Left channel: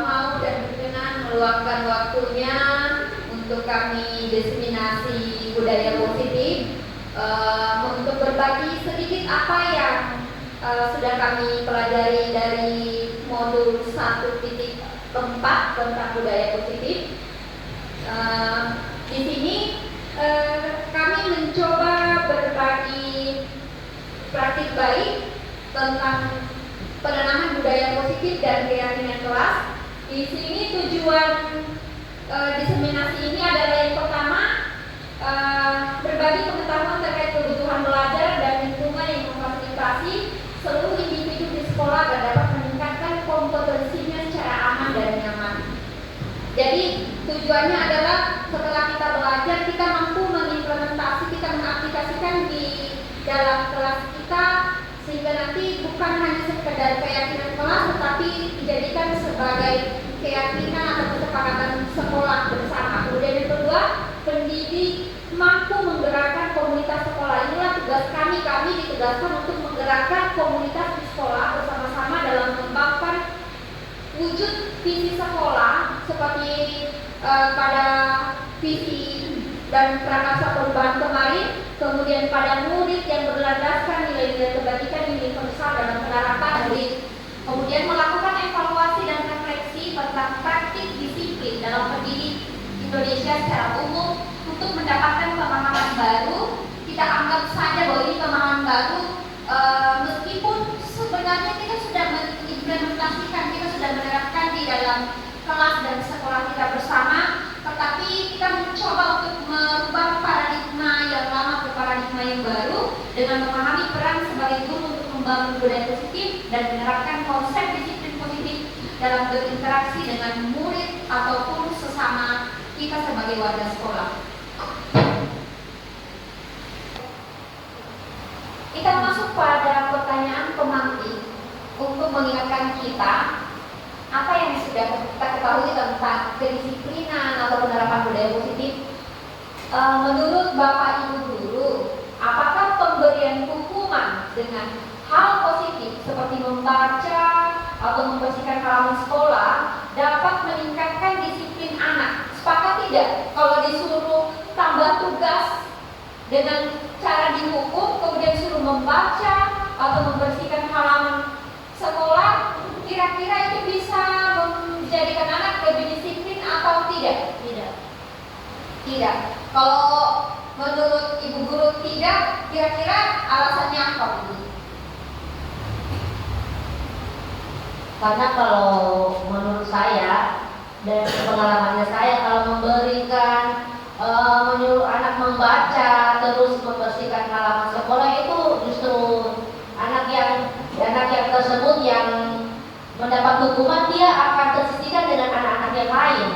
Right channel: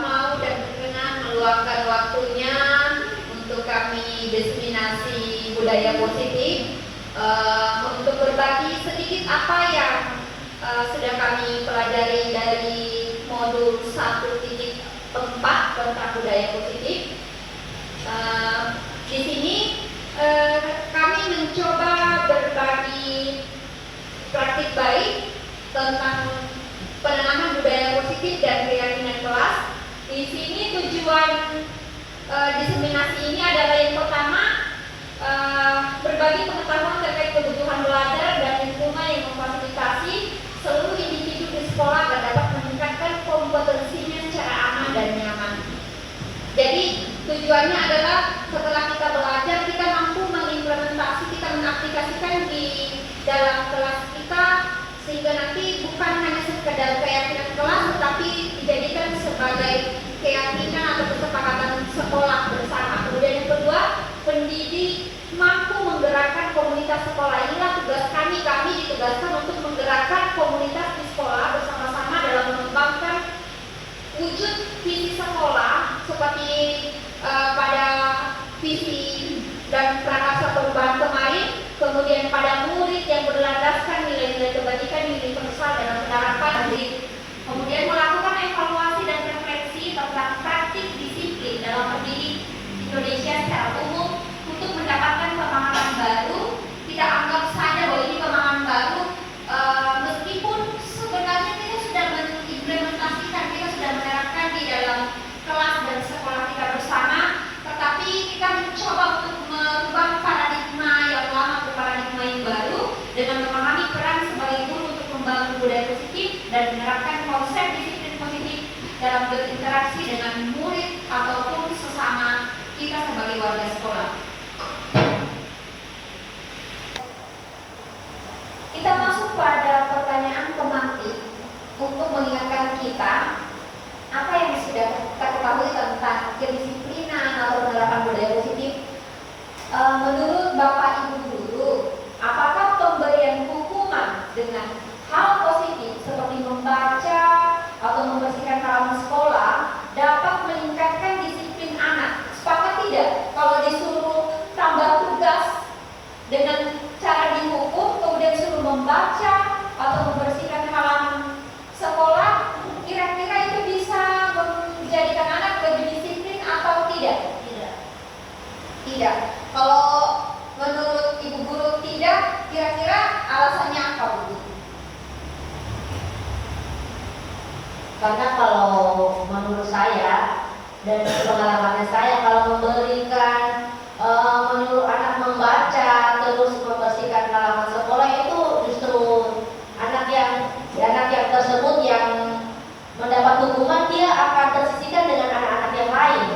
mau dan berkenan meluangkan waktunya untuk kami diseminasi budaya positif, untuk berbagi sedikit apa yang sudah kami pelajari dari modul 1.4 tentang budaya positif. Di sini kami mencoba berbagi praktik baik tentang penanaman budaya positif dan keyakinan kelas. Di sini tujuan diseminasi ini adalah yang pertama, berbagi pengetahuan terkait kebutuhan belajar dan lingkungan yang memfasilitasi seluruh individu di sekolah agar dapat meningkatkan kompetensinya secara aman dan nyaman. Jadi tujuannya adalah setelah kita belajar, kita mampu mengimplementasi, kita mengaplikasikan di dalam kelas kita, sehingga nanti bukan hanya sekedar keyakinan kelas, tetapi dijadikan sebagai keyakinan atau kesepakatan sekolah bersama. Kemudian yang kedua, pendidik mampu menggerakkan komunitas sekolah. Inilah tugas kami ditugaskan untuk menggerakkan komunitas di sekolah bersama-sama dalam mengembangkan wujud visi sekolah seperti pada visi dan prakarsa perubahan kemarin, kemudian pada murid yang berlandaskan nilai-nilai kebajikan universal dalam penerapan murid, kemudian melakukan evaluasi dan refleksi tentang praktik disiplin dalam pendidik Indonesia secara umum untuk mendapatkan pemahaman baru. Kita anggap saja bahwa ini pemahaman baru, meskipun sebenarnya kita sudah mengimplementasikan, kita sudah menerapkan di dalam kelas dan sekolah kita bersama, tetapi kita mencoba untuk merubah paradigma yang lama ke paradigma yang baru dengan memahami peran sebagai guru untuk membangun budaya positif dan menerapkan konsep disiplin positif dalam berinteraksi dengan murid ataupun sesama kita sebagai warga sekolah. Kita masuk pada pertanyaan pemantik untuk mengingatkan kita apa yang sudah kita ketahui tentang kedisiplinan atau penerapan budaya positif. Menurut Bapak Ibu guru, apakah pemberian hukuman dengan hal positif seperti membaca atau membersihkan halaman sekolah dapat meningkatkan disiplin anak? Sepakat tidak? Kalau disuruh tambah tugas dengan cara dihukum, kemudian suruh membaca atau membersihkan halaman sekolah, kira-kira itu bisa menjadikan anak lebih disiplin atau tidak? Tidak. Kalau menurut Ibu guru tidak, kira-kira alasannya apa, Bu? Karena kalau menurut saya dan pengalamannya saya, kalau memberikan menyuruh anak membaca terus membersihkan halaman sekolah, itu justru anak yang tersebut yang mendapat hukuman, dia akan tersisihkan dengan anak-anak yang lain.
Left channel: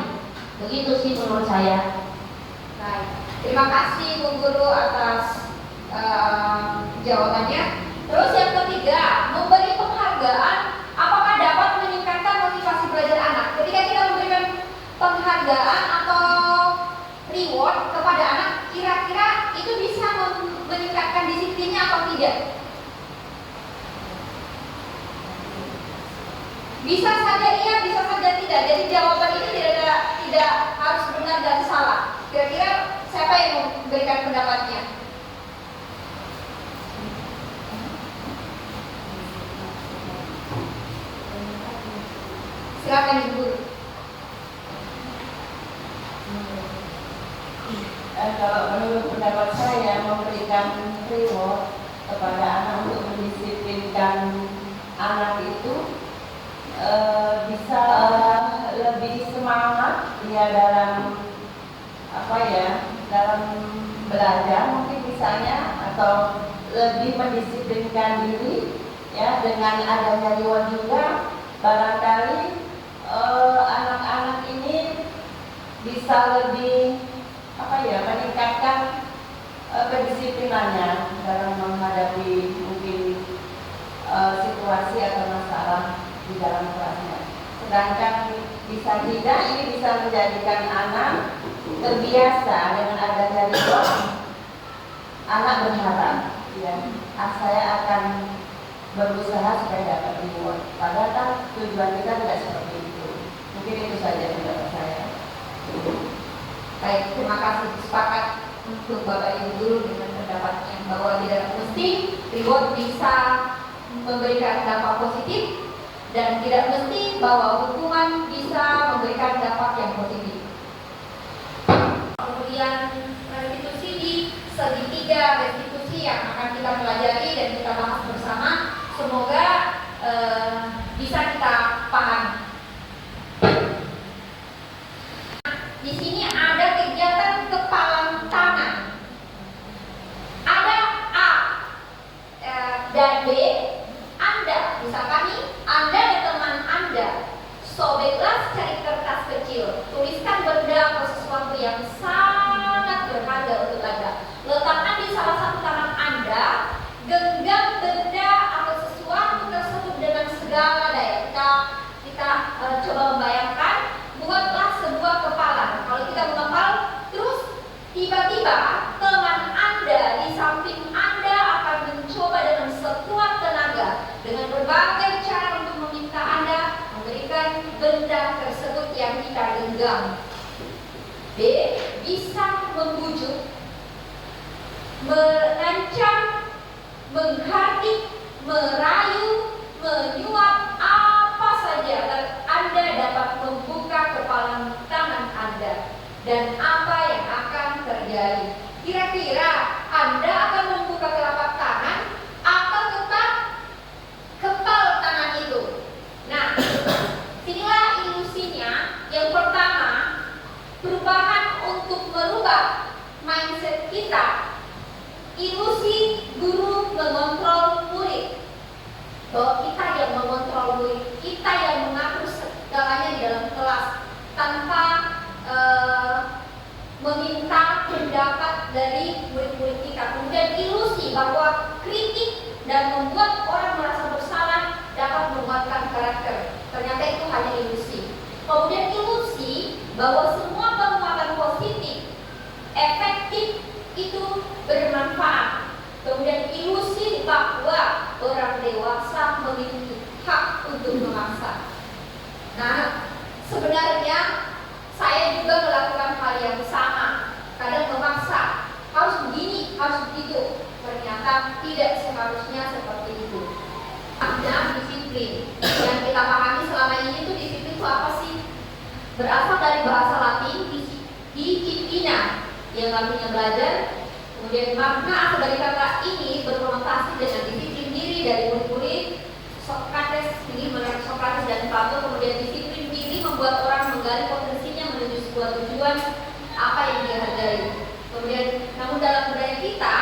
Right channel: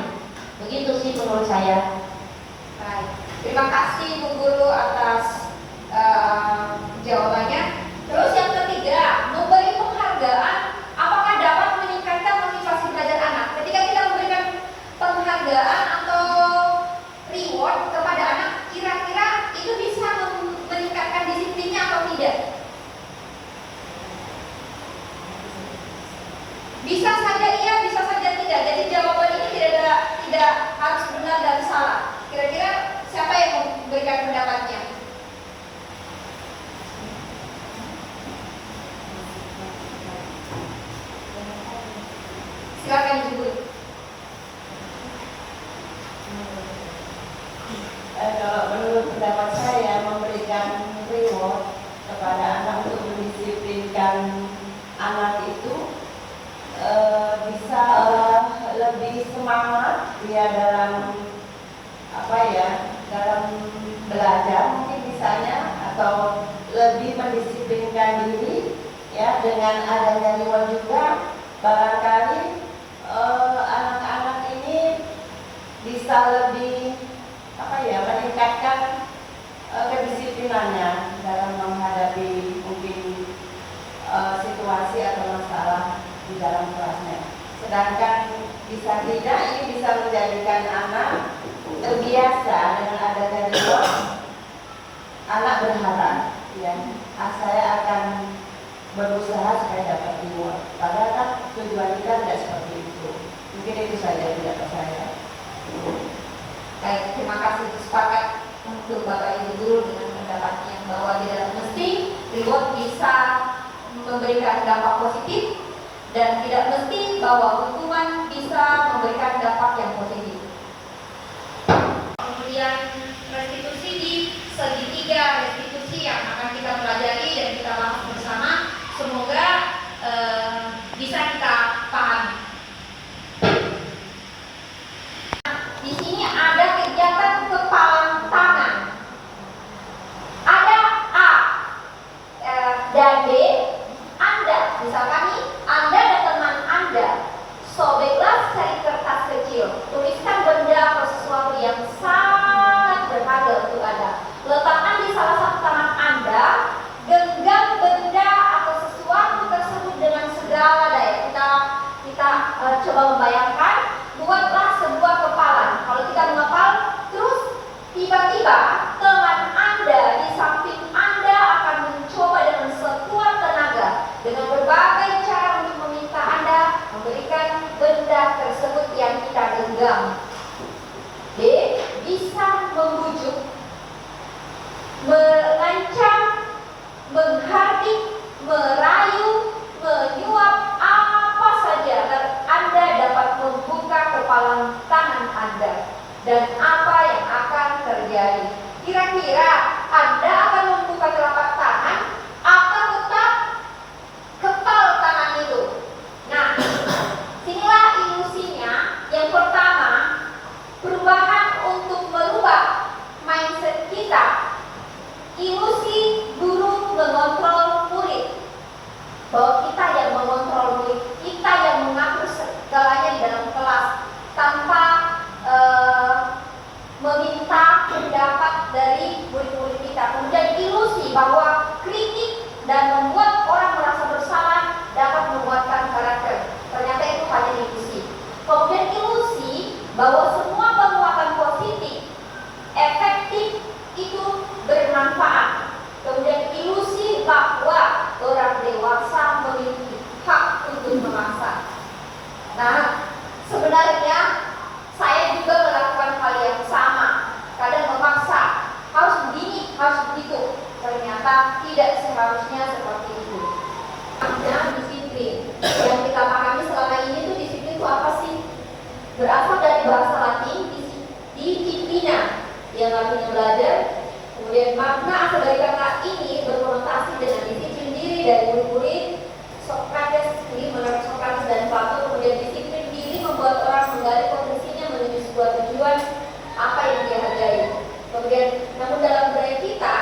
Begitu sih menurut saya. Baik, terima kasih Bu Guru atas jawabannya. Terus yang ketiga, memberi penghargaan apakah dapat meningkatkan motivasi belajar anak? Ketika kita memberikan penghargaan atau reward kepada anak, kira-kira itu bisa meningkatkan disiplinnya atau tidak? Bisa saja iya, bisa saja tidak. Jadi jawaban ini tidak harus benar dan salah. Kira-kira siapa yang memberikan pendapatnya? Silakan Ibu Guru. Kalau menurut pendapat saya, memberikan reward kepada anak untuk mendisiplinkan anak itu bisa lebih semangat dia dalam dalam belajar mungkin misalnya, atau lebih mendisiplinkan diri ya. Dengan adanya reward juga barangkali anak-anak ini bisa lebih meningkatkan kedisiplinannya dalam menghadapi mungkin situasi atau masalah di dalam kelasnya. Sedangkan bisa tidak, ini bisa menjadikan anak terbiasa dengan adanya reward. Anak berharap ya, saya akan berusaha supaya dapat reward. Padahal kan tujuan kita tidak seperti itu. memberikan dampak positif, dan tidak mesti bahwa hukuman bisa memberikan dampak yang positif. Kemudian restitusi di segitiga restitusi yang akan kita pelajari dan kita bahas bersama, semoga bisa kita pahami. Di sini ada kegiatan kepalang tangan. Ada A dan B. Anda, misalkan nih, Anda dan teman Anda, sobeklah cari kertas kecil, tuliskan benda atau sesuatu yang sangat berharga untuk Anda. Letakkan di salah satu tangan Anda, genggam benda atau sesuatu tersebut dengan segala daya. Kita coba membayangkan, buatlah sebuah kepalan. Kalau kita mengepal, terus tiba-tiba teman Anda di samping Anda akan mencoba dengan sekuat tenaga, dengan berbagai cara untuk meminta Anda memberikan benda tersebut yang kita genggam. B. Bisa membujuk, mengancam, menghardik, merayu, menyuap, apa saja agar Anda dapat membuka kepalan tangan Anda. Dan apa yang akan terjadi? Kira-kira Anda akan membuka telapak tangan atau tetap kepal tangan itu? Nah, inilah ilusinya. Yang pertama, perubahan untuk merubah mindset kita. Ilusi guru mengontrol murid, bahwa kita yang mengontrol murid, kita yang mengatur segalanya di dalam kelas tanpa meminta pendapat dari murid-murid kita. Kemudian ilusi bahwa kritik dan membuat orang merasa bersalah dapat menguatkan karakter. Ternyata itu hanya ilusi. Kemudian ilusi bahwa semua penguatan positif efektif itu bermanfaat. Kemudian ilusi bahwa orang dewasa memiliki hak untuk memaksa. Nah, sebenarnya saya juga melakukan hal yang sama. Kadang memaksa, harus begini, harus begitu. Ternyata tidak seharusnya seperti itu. Ada disiplin. Yang kita pahami selama ini tuh disiplin itu apa sih? Berasal dari bahasa Latin disciplina, yang artinya belajar. Kemudian makna asal dari kata ini berkonotasi dengan disiplin diri dari murid-murid Socrates, ini menurut Socrates dan Plato. Kemudian disiplin diri membuat orang menggali potensinya menuju sebuah tujuan apa yang dia hargai. Kemudian, namun dalam budaya kita,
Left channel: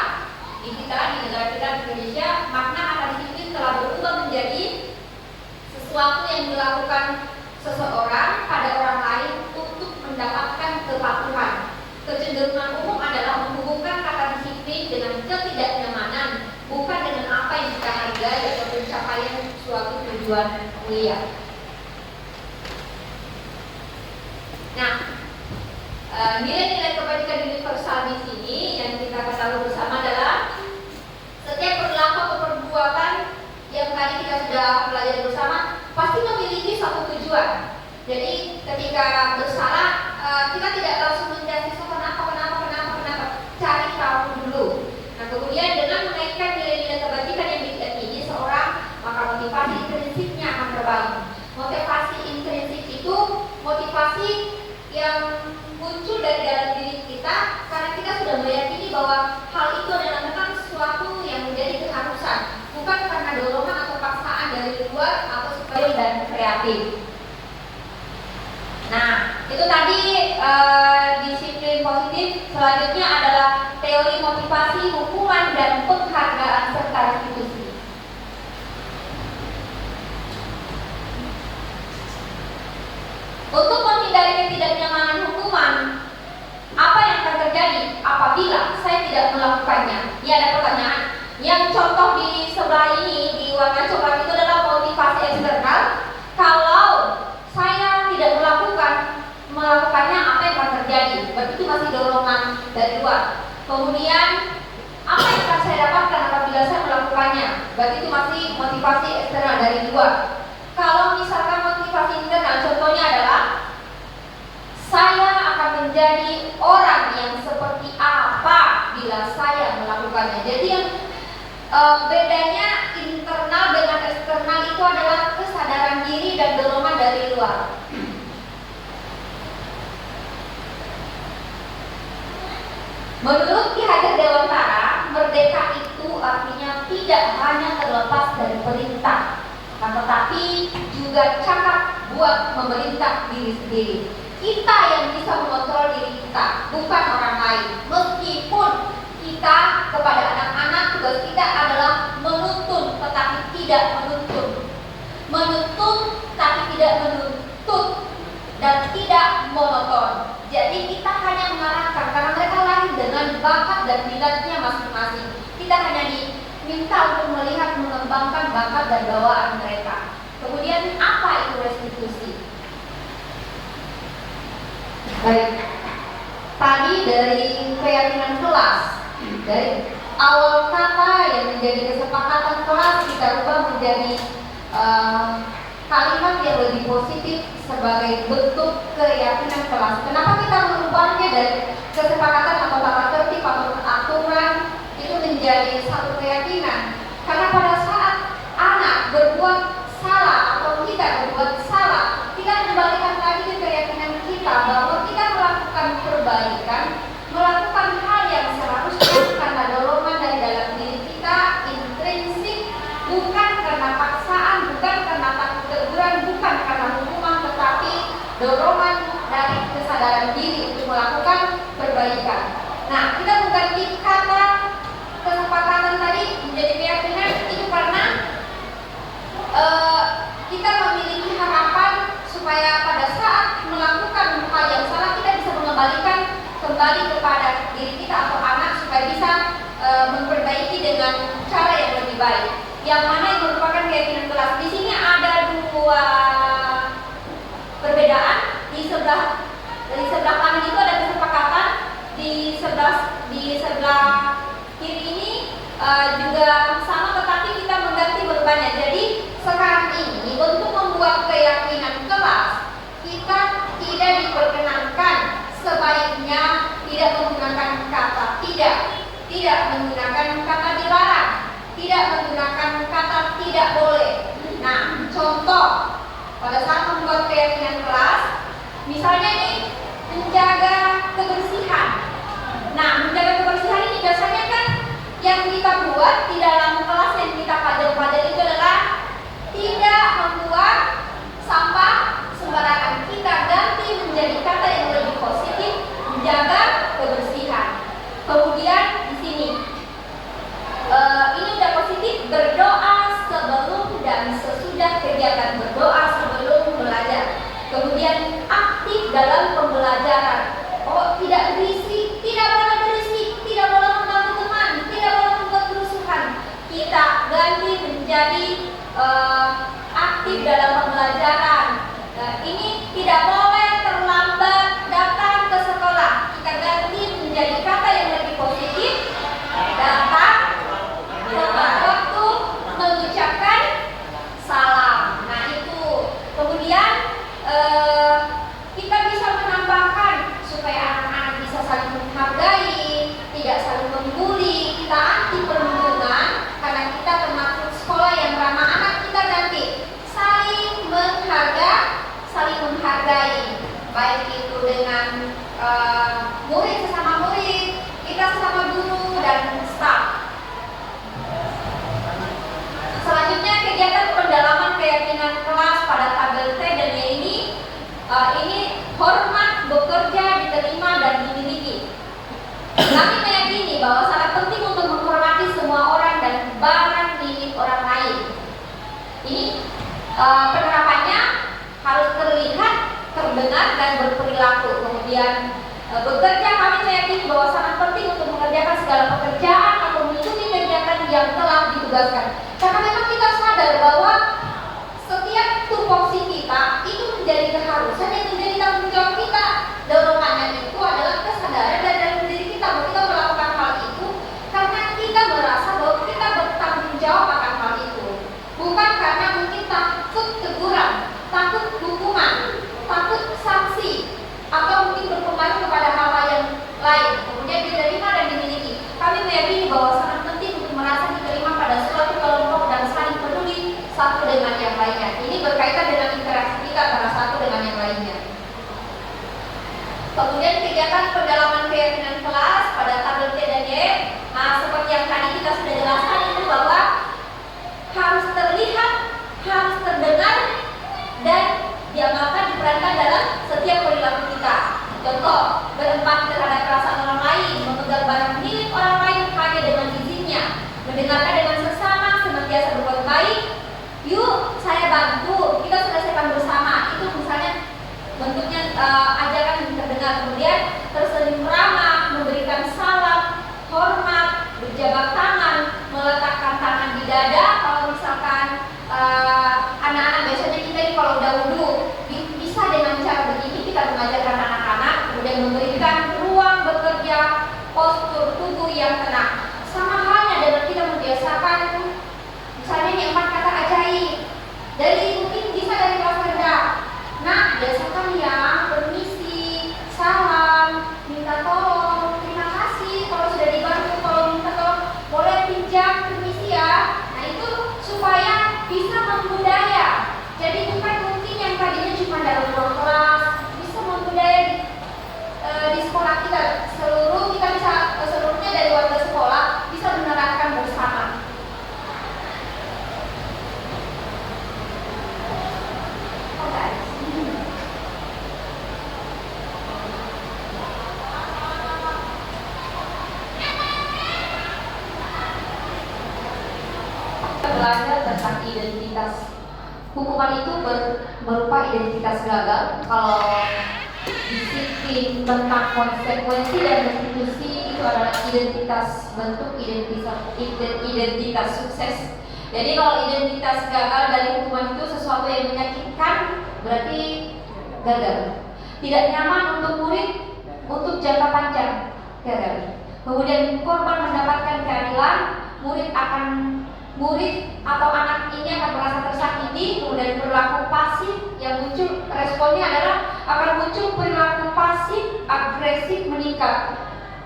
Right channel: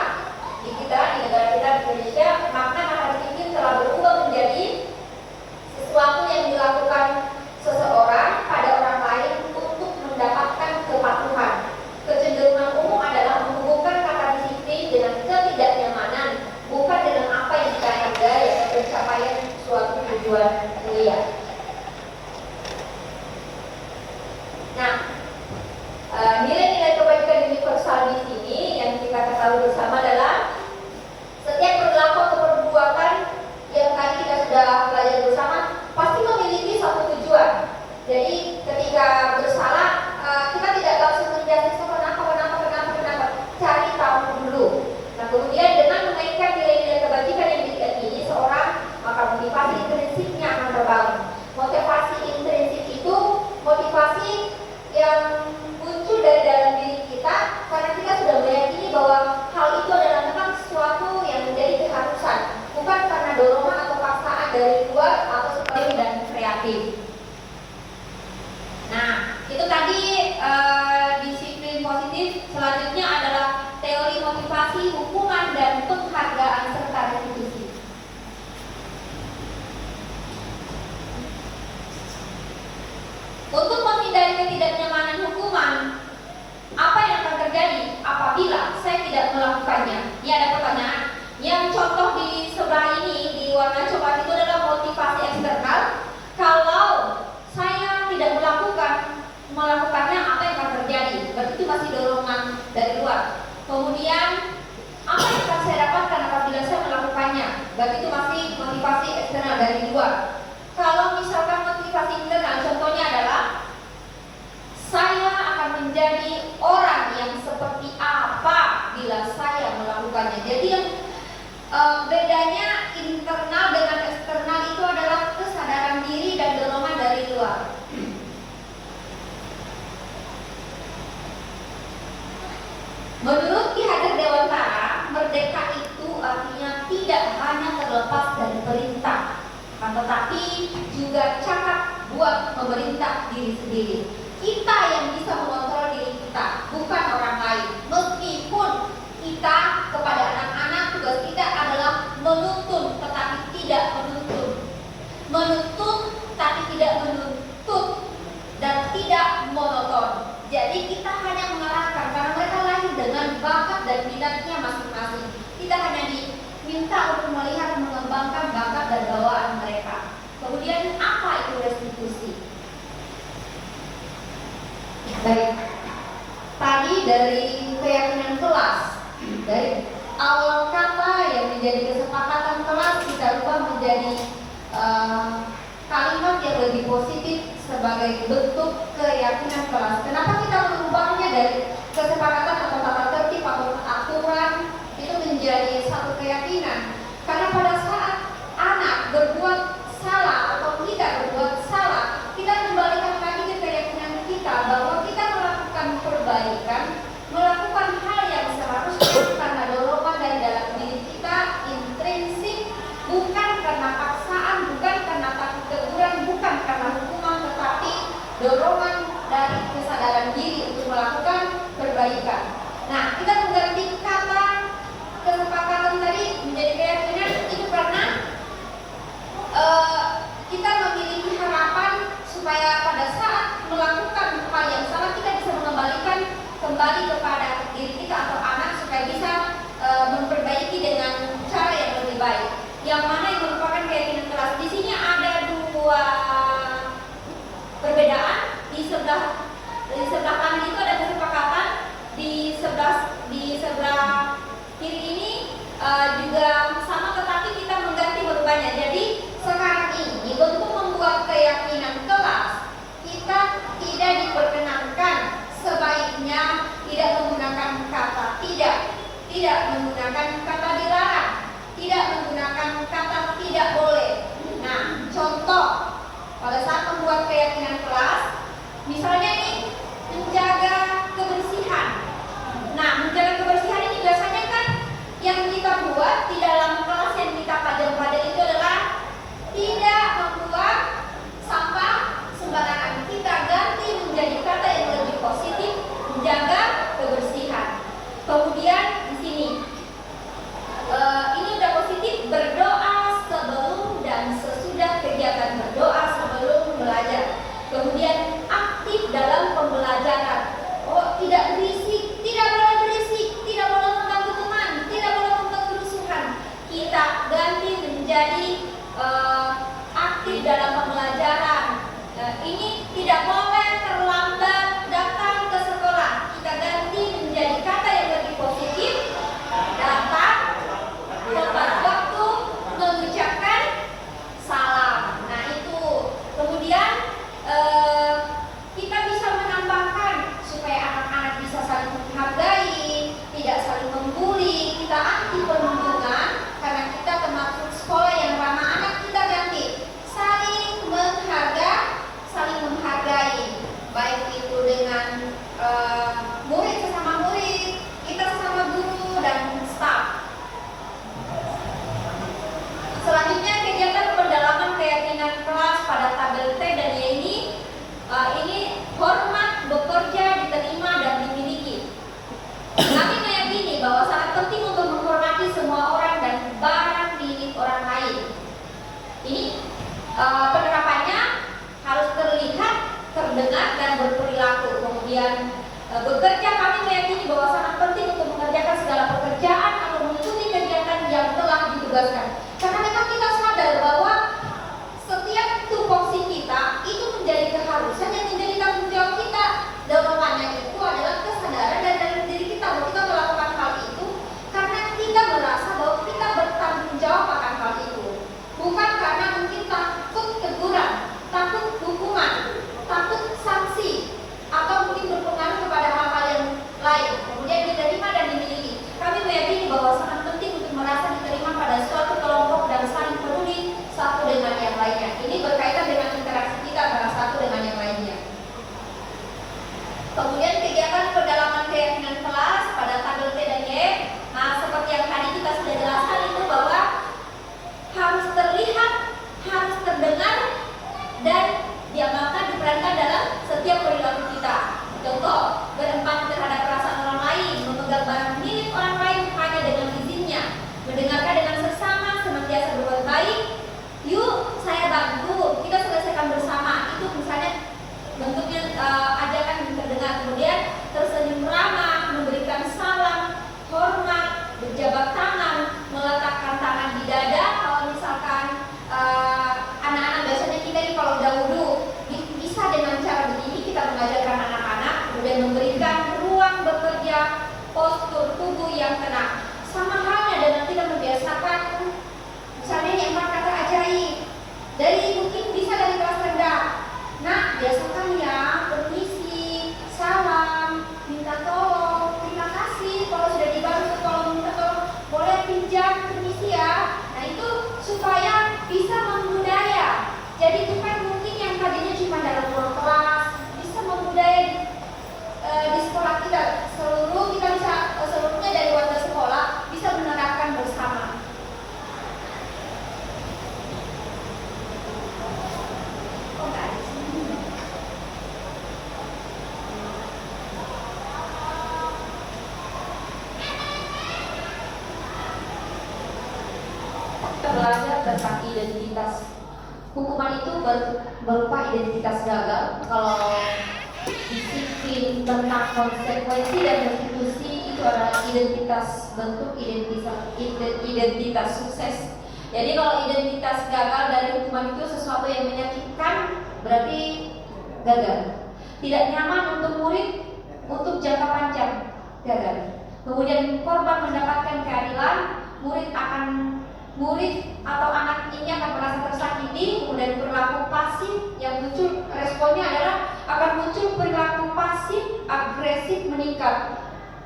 di negara kita di Indonesia, makna kata disiplin telah berubah menjadi sesuatu yang dilakukan seseorang pada orang lain untuk mendapatkan kepatuhan. Kecenderungan umum adalah menghubungkan kata disiplin dengan ketidaknyamanan, bukan dengan apa yang kita hargai atau pencapaian suatu tujuan mulia. Nah, nilai-nilai kebajikan universal di sini yang kita ketahui bersama adalah setiap perilaku atau perbuatan yang tadi kita sudah pelajari bersama pasti memiliki satu tujuan. Jadi ketika bersalah, kita tidak langsung menjadi kenapa, cari tahu dulu. Nah, kemudian dengan menaikkan nilai-nilai kebajikan yang diyakini seorang, maka motivasi intrinsiknya akan terbangun. Motivasi intrinsik itu motivasi yang muncul dari dalam diri kita karena kita sudah meyakini bahwa hal itu adalah memang sesuatu yang menjadi keharusan, bukan karena dorongan atau paksaan dari luar atau supaya dan kreatif. Nah, itu tadi disiplin positif. Selanjutnya adalah teori motivasi, hukuman, dan penghargaan serta restitusi. Untuk menghindari ketidaknyamanan hukuman, apa yang akan terjadi apabila saya tidak melakukannya? Ini ada pertanyaan. Yang contoh di sebelah ini, di warna coklat itu adalah motivasi eksternal. Kalau saya tidak melakukannya, apa yang akan terjadi? Begitu masih dorongan dari luar. Kemudian apa yang akan saya dapatkan apabila saya melakukannya? Begitu masih motivasi eksternal dari luar. Kalau misalkan motivasi internal, contohnya adalah saya akan menjadi orang yang seperti apa bila saya melakukannya. Jadi yang bedanya internal dengan eksternal internal itu adalah kesadaran diri dan dorongan dari luar. Menurut Ki Hajar Dewantara, merdeka itu artinya tidak hanya terlepas dari perintah, tetapi juga cakap buat memerintah diri sendiri. Kita yang bisa mengontrol diri kita, bukan orang lain. Meskipun kita kepada anak-anak, tugas kita adalah menuntun tetapi tidak menuntun, menuntun tapi tidak menuntut, dan tidak monoton. Jadi kita hanya mengarahkan karena mereka lahir dengan bakat dan minatnya masing-masing. Kita hanya diminta untuk melihat mengembangkan bakat dan bawaan mereka. Kemudian apa itu restitusi? Baik, tadi dari keyakinan kelas, dari awal kata yang menjadi kesepakatan kelas kita ubah menjadi kalimat yang lebih positif sebagai bentuk keyakinan kelas. Kenapa kita mengubahnya dari kesepakatan atau tata tertib atau aturan itu menjadi satu keyakinan? Karena pada saat anak berbuat salah atau kita berbuat salah, kita kembalikan lagi ke keyakinan kita bahwa kita melakukan perbaikan, melakukan hal yang seharusnya karena dorongan dari dalam diri kita intrinsik, bukan karena paksaan, bukan karena takut teguran, bukan karena hukuman, tetapi dorongan dari kesadaran diri untuk melakukan perbaikan. Nah, kita mengganti kata kesepakatan tadi menjadi keyakinan itu karena kita memiliki harapan supaya pada saat melakukan hal yang salah kita bisa mengembalikan kembali kepada diri kita atau anak supaya bisa memperbaiki dengan cara yang lebih baik. Yang mana yang merupakan keyakinan kelas. Di sini ada dua perbedaan. Di sebelah kanan itu ada kesepakatan, di sebelah kiri ini juga sama, tetapi kita mengganti bebannya. Jadi sekarang ini untuk membuat keyakinan kelas kita tidak diperkenankan, sebaiknya tidak menggunakan kata tidak menggunakan kata dilarang, tidak menggunakan kata tidak boleh. Nah, contoh pada saat membuat keyakinan kelas, misalnya ini menjaga kebersihan. Nah, menjaga kebersihan ini biasanya kan yang kita buat di dalam kelas yang kita pajang-pajang itu adalah tidak membuat sampah sembarangan. Kita ganti menjadi kata yang lebih positif, menjaga kebersihan. Kemudian di sini ini udah positif, berdoa sebelum dan sesudah kegiatan, berdoa sebelum belajar. Kemudian aktif dalam pembelajaran. Oh, tidak berisik, tidak boleh berisik, tidak boleh mengganggu teman, tidak boleh membuat kerusuhan. Kita ganti menjadi aktif dalam pembelajaran. Ini tidak boleh terlambat datang ke sekolah. Kita ganti menjadi kata yang lebih positif, datang tepat waktu, mengucapkan salam. Nah itu. Kemudian kita bisa menambahkan supaya anak-anak bisa saling menghargai, tidak saling membuli. Kita anti perundungan karena kita termasuk sekolah yang ramah anak. Kita ganti saling menghargai, baik itu dengan murid sesama murid, kita sesama guru dan staf. Selanjutnya kegiatan pendalaman keyakinan kelas pada tabel T dan Y ini hormat, bekerja, diterima dan dimiliki. Kami meyakini bahwa sangat penting untuk menghormati semua orang dan barang milik orang lain. Ini penerapannya harus terlihat, terdengar dan berperilaku. Kemudian bekerja, kami meyakini bahwa sangat penting untuk mengerjakan segala pekerjaan atau mengikuti kegiatan yang telah ditugaskan. Karena memang kita sadar bahwa setiap tupoksi kita itu menjadi keharusan yang menjadi tanggung jawab kita. Dorongannya itu adalah kesadaran dari dalam diri kita bahwa kita melakukan hal itu karena kita merasa bahwa kita bertanggung jawab akan hal itu, bukan karena mungkin takut teguran, takut hukuman, takut sanksi, atau mungkin berpengaruh kepada hal-hal yang lain. Kemudian diterima dan dimiliki. Kami meyakini bahwa sangat penting untuk merasa diterima pada suatu kelompok dan saling peduli satu dengan tidak ada. Kalau misalkan anak-anak biasanya kita ini kalau udah wudhu bisa dengan cara begini kita mengajarkan anak-anak, kemudian memberikan ruang bekerja, postur tubuh yang tenang. Sama halnya dengan kita membiasakan misalnya yang 4 kata ajaib dari mungkin bisa dari kelas rendah. Nah, biasakan ya permisi, salam, minta tolong, terima kasih kalau sudah dibantu, kalau minta tolong boleh pinjam, permisi ya. Nah itu supaya bisa membudaya. Jadi bukan mungkin yang tadinya cuma dalam ruang kelas, bisa membudaya di sekolah kita. Kita bisa seluruhnya dari warga sekolah bisa menerapkan bersama. Belajar tentang identitas. Hukuman itu berupa identitas gagal. Kalau disiplin tentang konsekuensi dan restitusi itu adalah identitas bentuk identitas sukses. Jadi kalau identitas gagal dari hukuman itu sesuatu yang menyakitkan, berarti gagal. Tidak nyaman untuk murid untuk jangka panjang, gagal. Kemudian korban mendapatkan keadilan, murid atau anak ini akan merasa tersakiti, kemudian perilaku pasif yang muncul, responnya adalah akan muncul perilaku pasif agresif meningkat.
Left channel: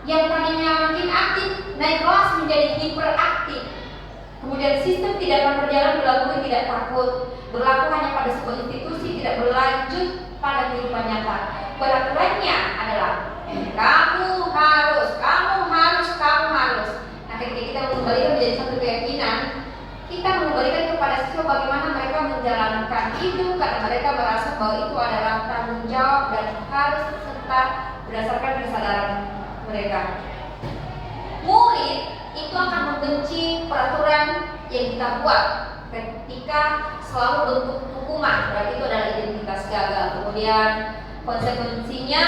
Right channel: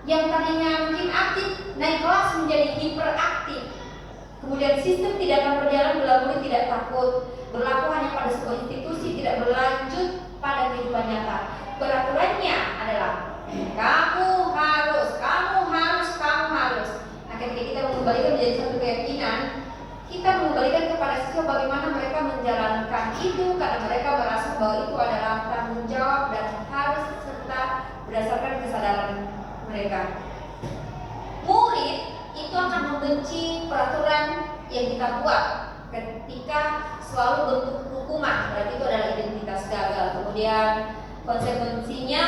Yang tadinya mungkin aktif naik kelas menjadi hiperaktif. Kemudian sistem tidak akan berjalan bila murid tidak takut, berlaku hanya pada sebuah institusi, tidak berlanjut pada kehidupan nyata. Peraturannya adalah kamu harus. Nah, ketika kita mengembalikan menjadi satu keyakinan, kita mengembalikan kepada siswa bagaimana mereka menjalankan itu, karena mereka merasa bahwa itu adalah tanggung jawab dan harus serta berdasarkan kesadaran mereka. Murid itu akan membenci peraturan yang kita buat ketika selalu bentuk hukuman, berarti itu adalah identitas gagal. Kemudian konsekuensinya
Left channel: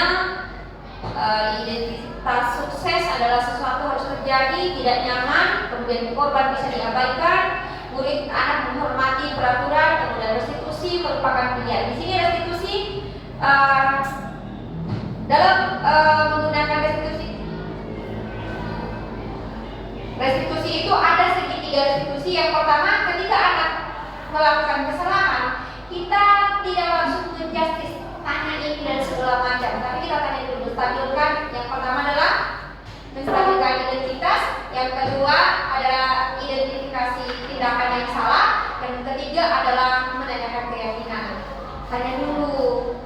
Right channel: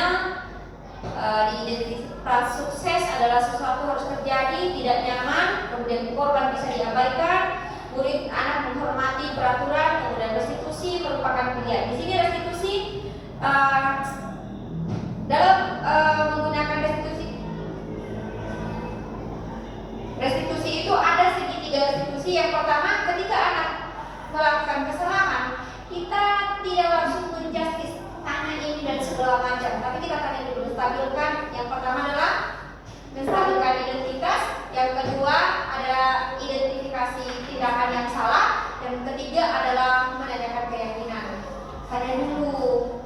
identitas sukses adalah sesuatu harus terjadi, tidak nyaman, kemudian korban bisa diabaikan, murid anak menghormati peraturan, kemudian restitusi merupakan pilihan. Di sini restitusi dalam menggunakan restitusi itu ada segitiga restitusi. Yang pertama, ketika anak melakukan kesalahan, kita tidak langsung menjustis tanya ini dan segala macam, tapi kita tanya dulu, menstabilkan. Yang pertama adalah menstabilkan identitas, yang kedua adalah identifikasi tindakan yang salah, yang ketiga adalah menanyakan keyakinan. Tanya dulu,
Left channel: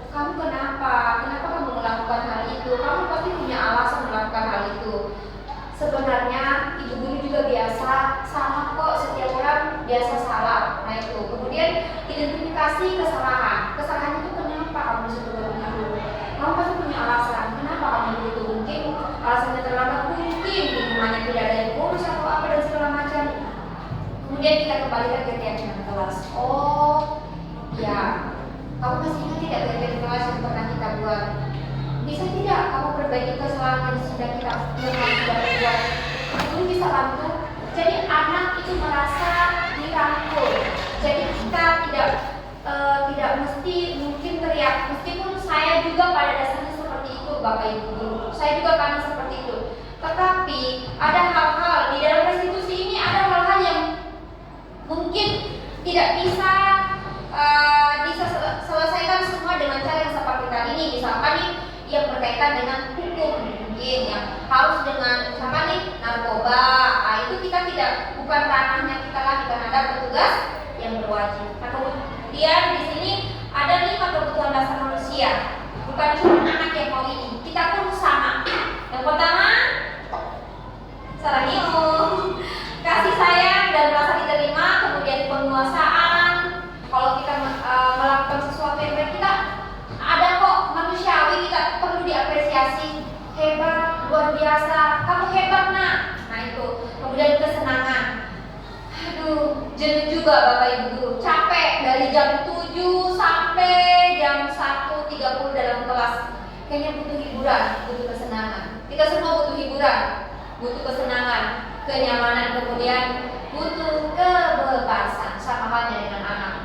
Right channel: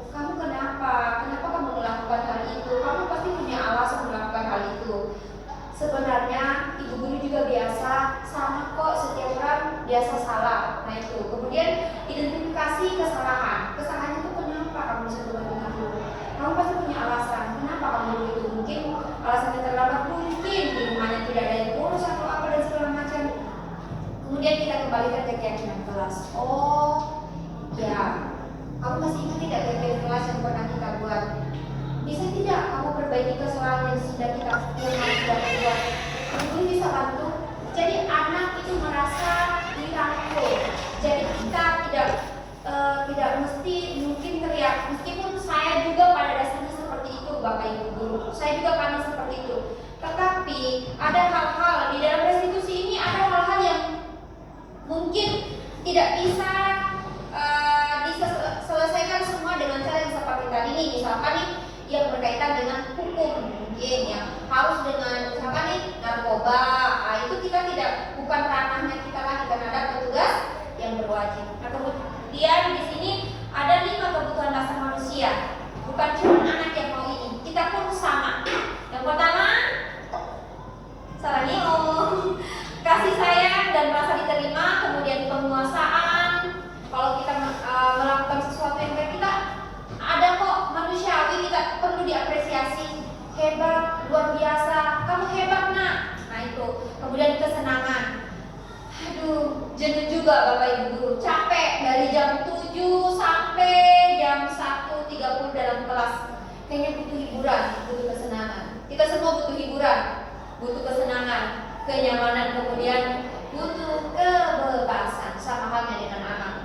kamu kenapa kamu melakukan hal itu? Kamu pasti punya alasan melakukan hal itu. Sebenarnya ibu guru juga biasa, sama kok, setiap orang biasa salah. Nah itu. Kemudian identifikasi kesalahan. Kesalahan itu kenapa kamu seperti itu? Kamu pasti punya alasan. Kenapa kamu begitu? Mungkin alasannya terlambat, mungkin di rumahnya tidak ada yang urus atau apa dan segala macam. Kemudian kita kembalikan ke keyakinan kelas. Oh, ya. Kamu masih ingat tidak keyakinan kelas yang pernah kita buat? Bisa tidak kamu perbaiki kesalahan yang sudah kita buat? Mungkin bisa bantu. Jadi anak itu merasa dirangkul. Jadi kita tidak mesti mungkin teriak. Meskipun saya juga pada dasarnya seperti itu, Bapak Ibu guru. Saya juga karena seperti itu. Tetapi ada hal-hal di dalam restitusi ini, ada hal-hal yang mungkin tidak bisa diselesaikan semua dengan cara yang seperti tadi ini. Misalkan nih yang berkaitan dengan hukum, mungkin yang harus dengan misalkan nih narkoba. Nah, itu kita bukan ranahnya kita lagi, karena ada petugas yang berwajib. Nah, kemudian di sini ada 5 kebutuhan dasar manusia. Bukan cuma anak yang mau ini, kita pun sama. Yang pertama, saranium, kasih sayang dan rasa diterima, kemudian penguasaan. Kalau kita melakukan sesuatu yang baik, kita ada kok manusiawi, kita perlu diapresiasi. Hebat, luar biasa, kamu hebat nak. Nah itu. Kemudian kesenangan. Aduh, jenuh juga Bapak Ibu guru, capek dari jam 7 sampai jam 1.30 dalam kelas. Kayaknya butuh hiburan, butuh kesenangan. Kita semua butuh hiburan, butuh kesenangan, kenyamanan. Kemudian butuh kebebasan, sama halnya dengan anak.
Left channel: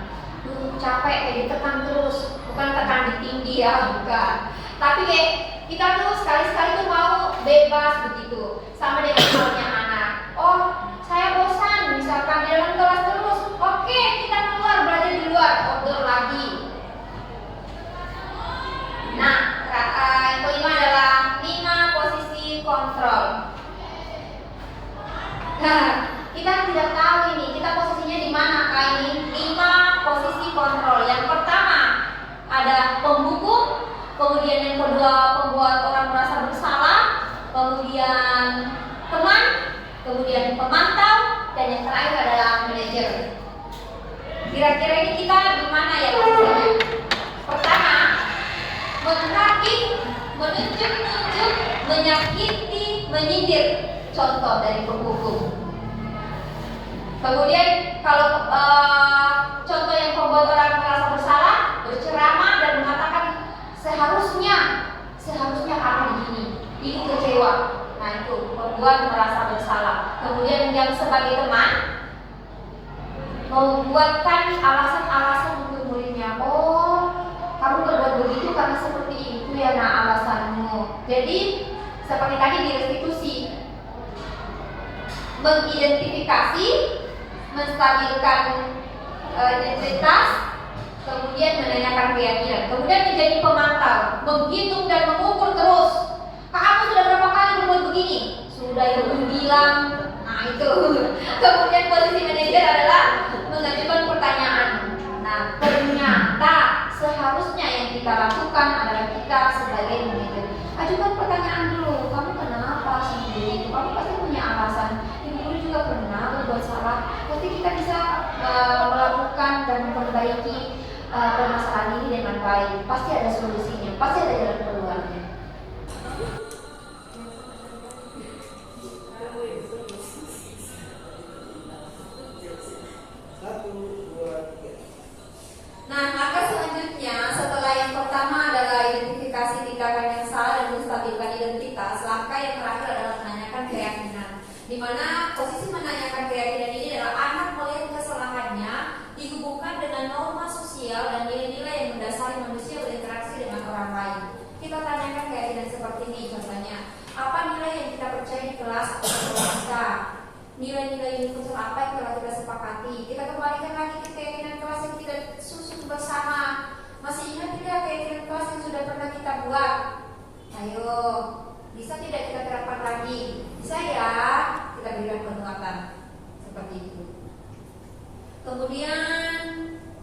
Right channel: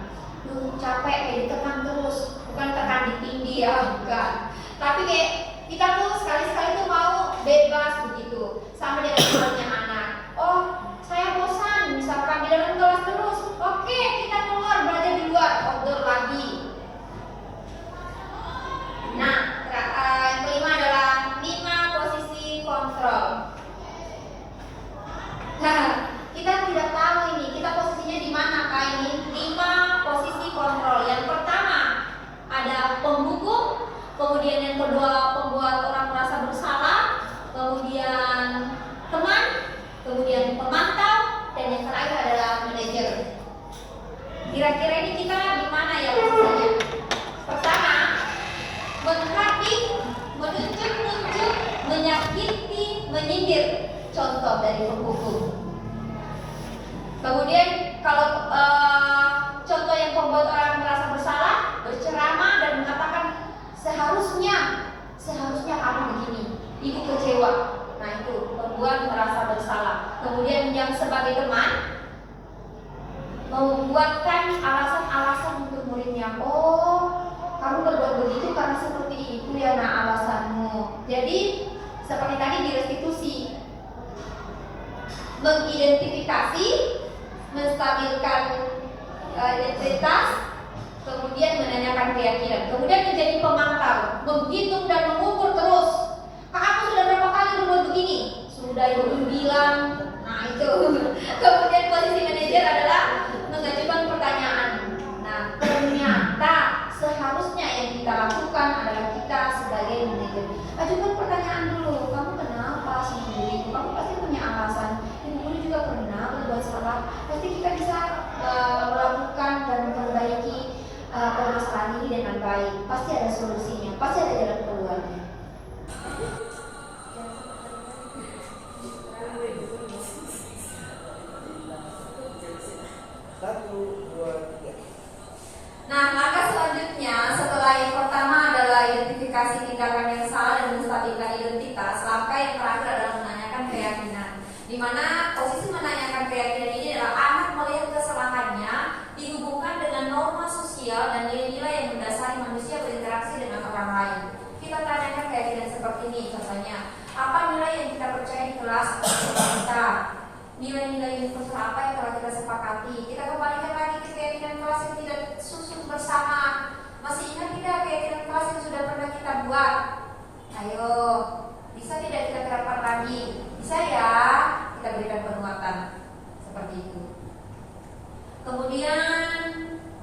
Capek kayak ditekan terus, bukan tekan ditinggi ya, bukan. Tapi kayak kita tuh sekali-sekali tuh mau bebas begitu. Sama dengan halnya anak. Oh, saya bosan, misalkan di dalam kelas terus. Oke, kita keluar, belajar di luar, outdoor lagi. Nah, yang kelima adalah 5 posisi kontrol. Nah, kita tidak tahu ini, kita posisinya di mana kak ini? 5 posisi kontrol. Yang pertama ada pembuku, kemudian yang kedua pembuat orang merasa bersalah, kemudian teman, kemudian pemantau, dan yang terakhir adalah manajer. Kira-kira ini kita di mana ya posisinya? Pertama, menghakimi, menunjuk-nunjuk, menyakiti, menyindir. Contoh dari pembuku. Kemudian kalau contoh yang membuat orang merasa bersalah, berceramah dan mengatakan seharusnya kamu begini, ibu kecewa. Nah itu membuat merasa bersalah. Kemudian yang sebagai teman membuatkan alasan-alasan untuk muridnya. Oh, kamu berbuat begitu karena seperti itu ya nak alasanmu. Jadi seperti tadi di restitusi, mengidentifikasi, menstabilkan identitas, kemudian menanyakan keyakinan, kemudian menjadi pemantau, menghitung dan mengukur terus. Kamu sudah berapa kali berbuat begini? Sudah ibu bilang. Nah itu. Kemudian posisi manajer adalah mengajukan pertanyaan. Nah ternyata seharusnya yang kita lakukan adalah kita sebagai manajer ajukan pertanyaan dulu. Kamu kenapa sendiri? Kamu pasti punya alasan. Ibu guru juga pernah berbuat salah. Nanti kita bisa melakukan dan memperbaiki permasalahan ini dengan baik. Pasti ada solusinya. Pasti ada jalan keluarnya. Nah, maka selanjutnya setelah yang pertama adalah identifikasi tindakan yang salah dan menstabilkan identitas, langkah yang terakhir adalah menanyakan keyakinan. Di mana posisi menanyakan keyakinan ini adalah anak melihat kesalahannya dihubungkan dengan norma sosial dan nilai-nilai yang mendasari manusia berinteraksi dengan orang lain. Kita tanyakan keyakinan seperti ini, contohnya, apa nilai yang kita percaya di kelas kita? Nilai-nilai universal apa yang telah kita sepakati? Kita kembalikan lagi ke keyakinan kelas yang tidak susun bersama. Masih ingat tidak keyakinan kelas yang sudah pernah kita buat? Ayo, bisa tidak kita terapkan lagi? Bisa ya, kita berikan penguatan seperti itu. Kemudian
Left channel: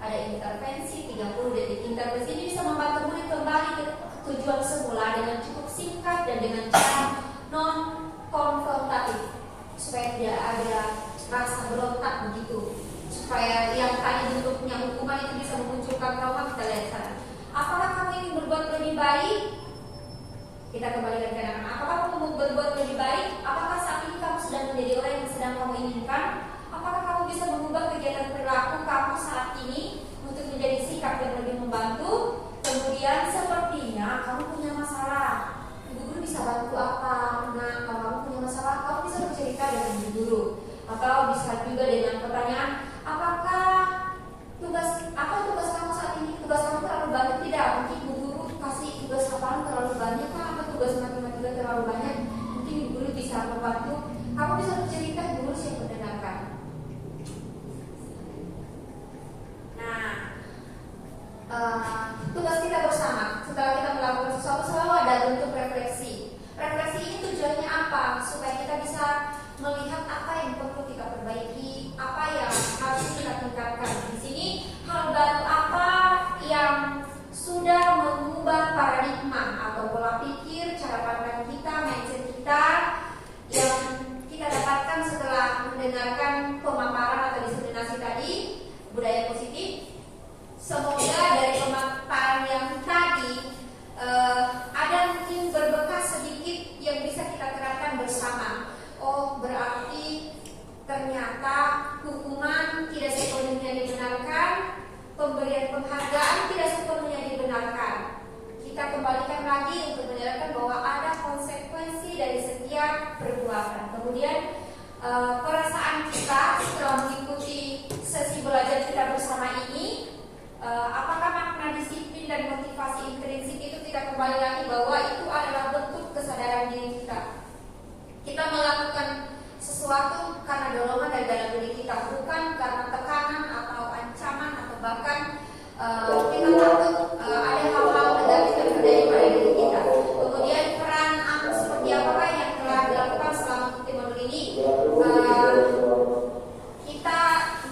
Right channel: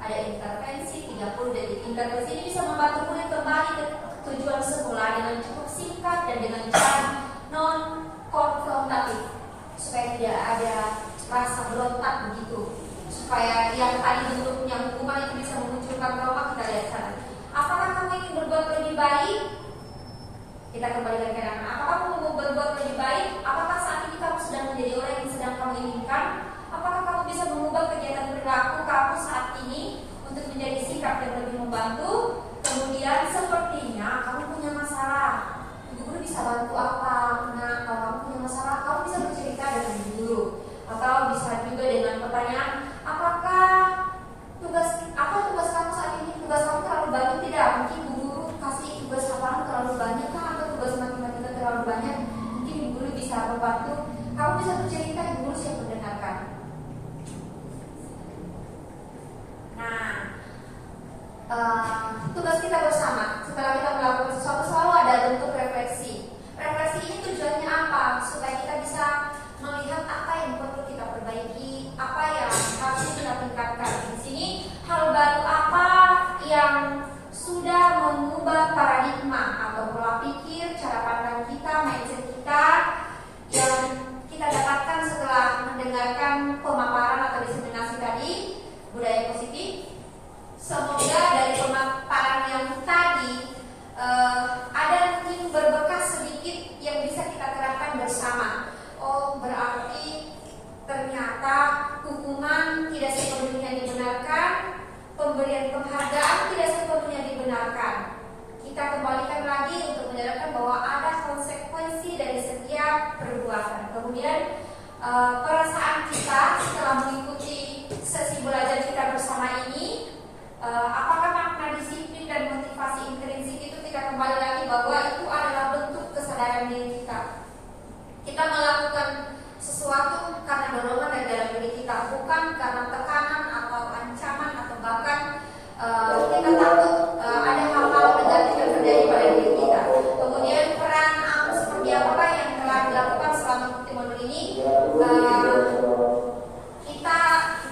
ada intervensi 30 detik. Intervensi ini bisa membantu murid kembali ke tujuan semula dengan cukup singkat dan dengan cara non konfrontatif, supaya tidak ada rasa berontak begitu, supaya yang tadi bentuknya hukuman itu bisa memunculkan trauma. Kita lihat sana. Apakah kamu ingin berbuat lebih baik? Kita kembalikan ke anak-anak. Apakah kamu mau berbuat lebih baik? Apakah saat ini kamu sedang menjadi orang yang sedang kamu inginkan? Apakah kamu bisa mengubah kegiatan perilaku kamu saat ini untuk menjadi sikap yang lebih membantu? Kemudian sepertinya kamu punya masalah. Ibu guru bisa bantu apa? Nah, kalau kamu punya masalah, kamu bisa bercerita dengan ibu guru. Atau bisa juga dengan pertanyaan, apakah tugas kamu saat ini? Tugas kamu terlalu banyak tidak? Mungkin ibu guru kasih tugas hafalan terlalu banyak kan? Atau tugas matematika terlalu banyak? Mungkin ibu guru bisa membantu. Kamu bisa bercerita, ibu guru siap mendengarkan. Tugas kita bersama setelah kita melakukan sesuatu selalu ada bentuk refleksi. Refleksi ini tujuannya apa? Supaya kita bisa melihat apa yang perlu kita perbaiki, apa yang kembali lagi bahwa itu adalah bentuk kesadaran diri kita. Kita melakukan sesuatu karena dorongan dari dalam diri kita, bukan karena tekanan atau ancaman atau bahkan kita takut ada hal-hal negatif yang terjadi pada diri kita. Kemudian peran seperti apa yang telah dilakukan selama Bukti Mundur ini, kita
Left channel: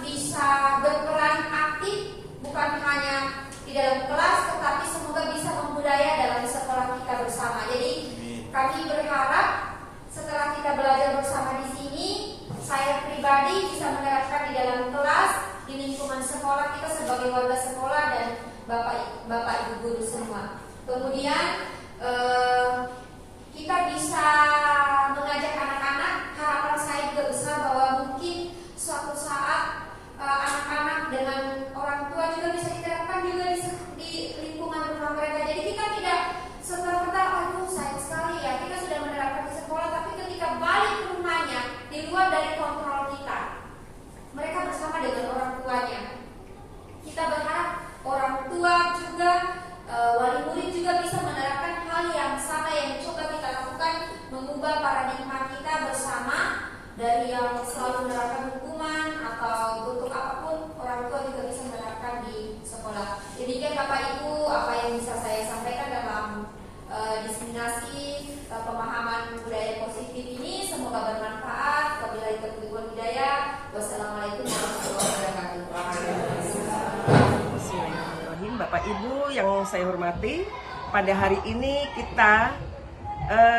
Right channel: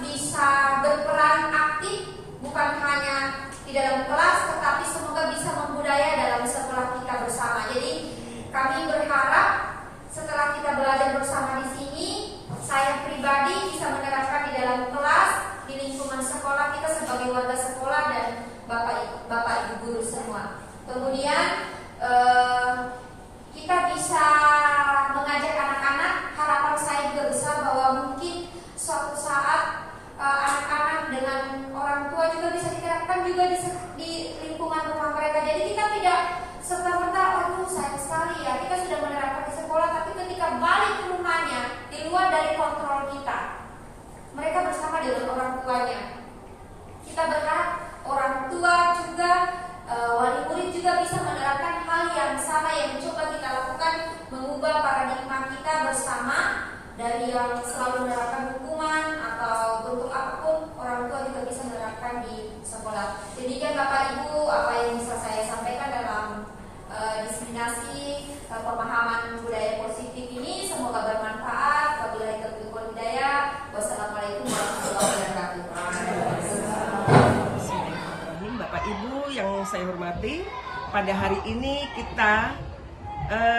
bisa berperan aktif bukan hanya di dalam kelas, tetapi semoga bisa membudaya dalam sekolah kita bersama. Jadi kami berharap setelah kita belajar bersama di sini, saya pribadi bisa menerapkan di dalam kelas, di lingkungan sekolah kita sebagai warga sekolah dan bapak ibu guru semua. Kemudian kita bisa mengajak anak-anak. Harapan saya juga besar bahwa mungkin suatu saat anak-anak dengan orang tua juga bisa diterapkan juga di lingkungan rumah mereka. Jadi kita tidak serta-merta, aduh sayang sekali ya kita sudah menerapkan di sekolah, tapi ketika balik ke rumahnya di luar dari kontrol kita, mereka bersama dengan orang tuanya. Kita berharap orang tua juga, wali murid juga bisa menerapkan hal yang sama yang coba kita lakukan, mengubah paradigma kita bersama dari yang selalu menerapkan hukuman atau bentuk apapun. Orang tua juga bisa menerapkan di sekolah. Demikian Bapak Ibu apa yang bisa saya sampaikan dalam diseminasi pemahaman budaya positif ini. Semoga bermanfaat. Wabillahi taufiq wal hidayah. Wassalamualaikum warahmatullahi wabarakatuh. Bismillahirrahmanirrahim. Bapak Ibu yang saya hormati, pada hari ini kita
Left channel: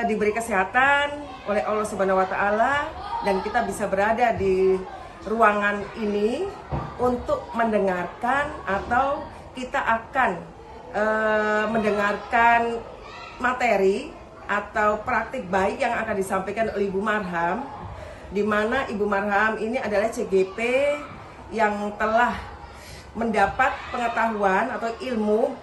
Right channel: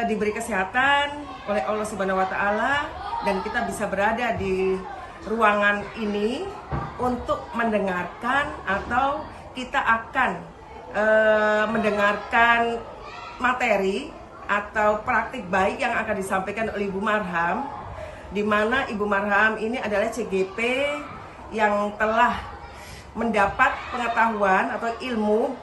diberi kesehatan oleh Allah Subhanahu wa taala dan kita bisa berada di ruangan ini untuk mendengarkan atau kita akan mendengarkan materi atau praktik baik yang akan disampaikan oleh Ibu Marham, di mana Ibu Marham ini adalah CGP yang telah mendapat pengetahuan atau ilmu.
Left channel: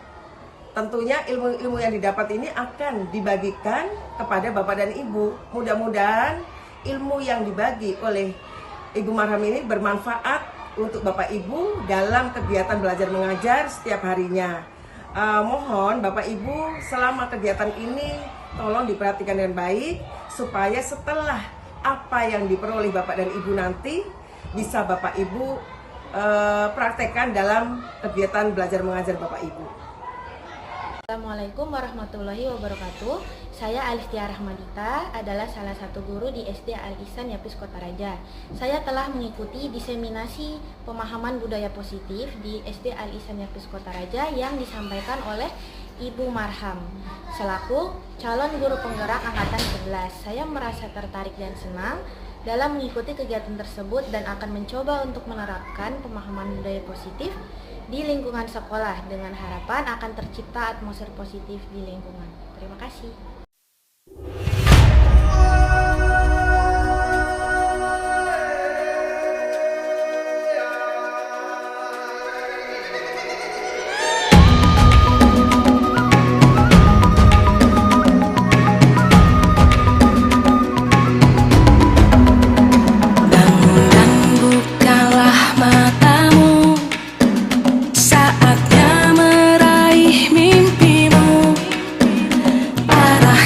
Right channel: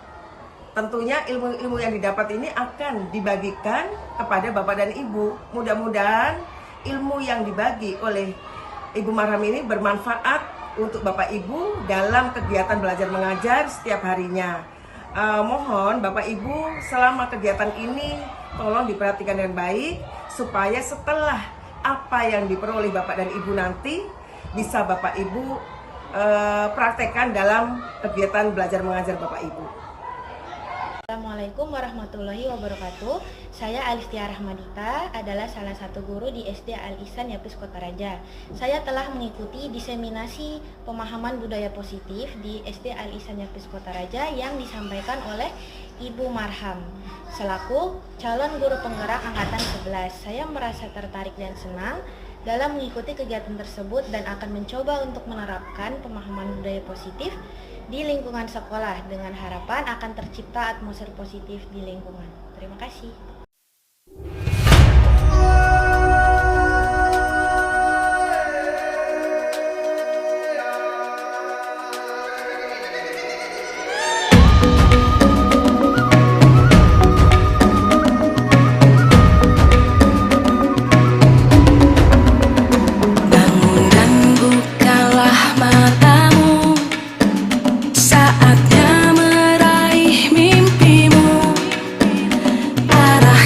Tentunya ilmu-ilmu yang didapat ini akan dibagikan kepada Bapak dan Ibu. Mudah-mudahan ilmu yang dibagi oleh Ibu Marham ini bermanfaat untuk Bapak Ibu dalam kegiatan belajar mengajar setiap harinya. Mohon Bapak Ibu selama kegiatan ini tolong diperhatikan dengan baik supaya setelah apa yang diperoleh Bapak dan Ibu nanti bisa Bapak Ibu praktekkan dalam kegiatan belajar mengajar Bapak Ibu. Assalamualaikum warahmatullahi wabarakatuh. Saya Alistia Rahmadita, adalah salah satu guru di SD Al-Ihsan Yapis Kota Raja. Saya telah mengikuti diseminasi pemahaman budaya positif di SD Al-Ihsan Yapis Kota Raja yang disampaikan oleh Ibu Marham selaku calon guru penggerak angkatan 11. Saya merasa tertarik dan senang dalam mengikuti kegiatan tersebut dan akan mencoba untuk menerapkan pemahaman budaya positif di lingkungan sekolah dengan harapan akan tercipta atmosfer positif di lingkungan. Terima kasih. Bangun dan bukalah matamu, saatnya meraih mimpimu. Arah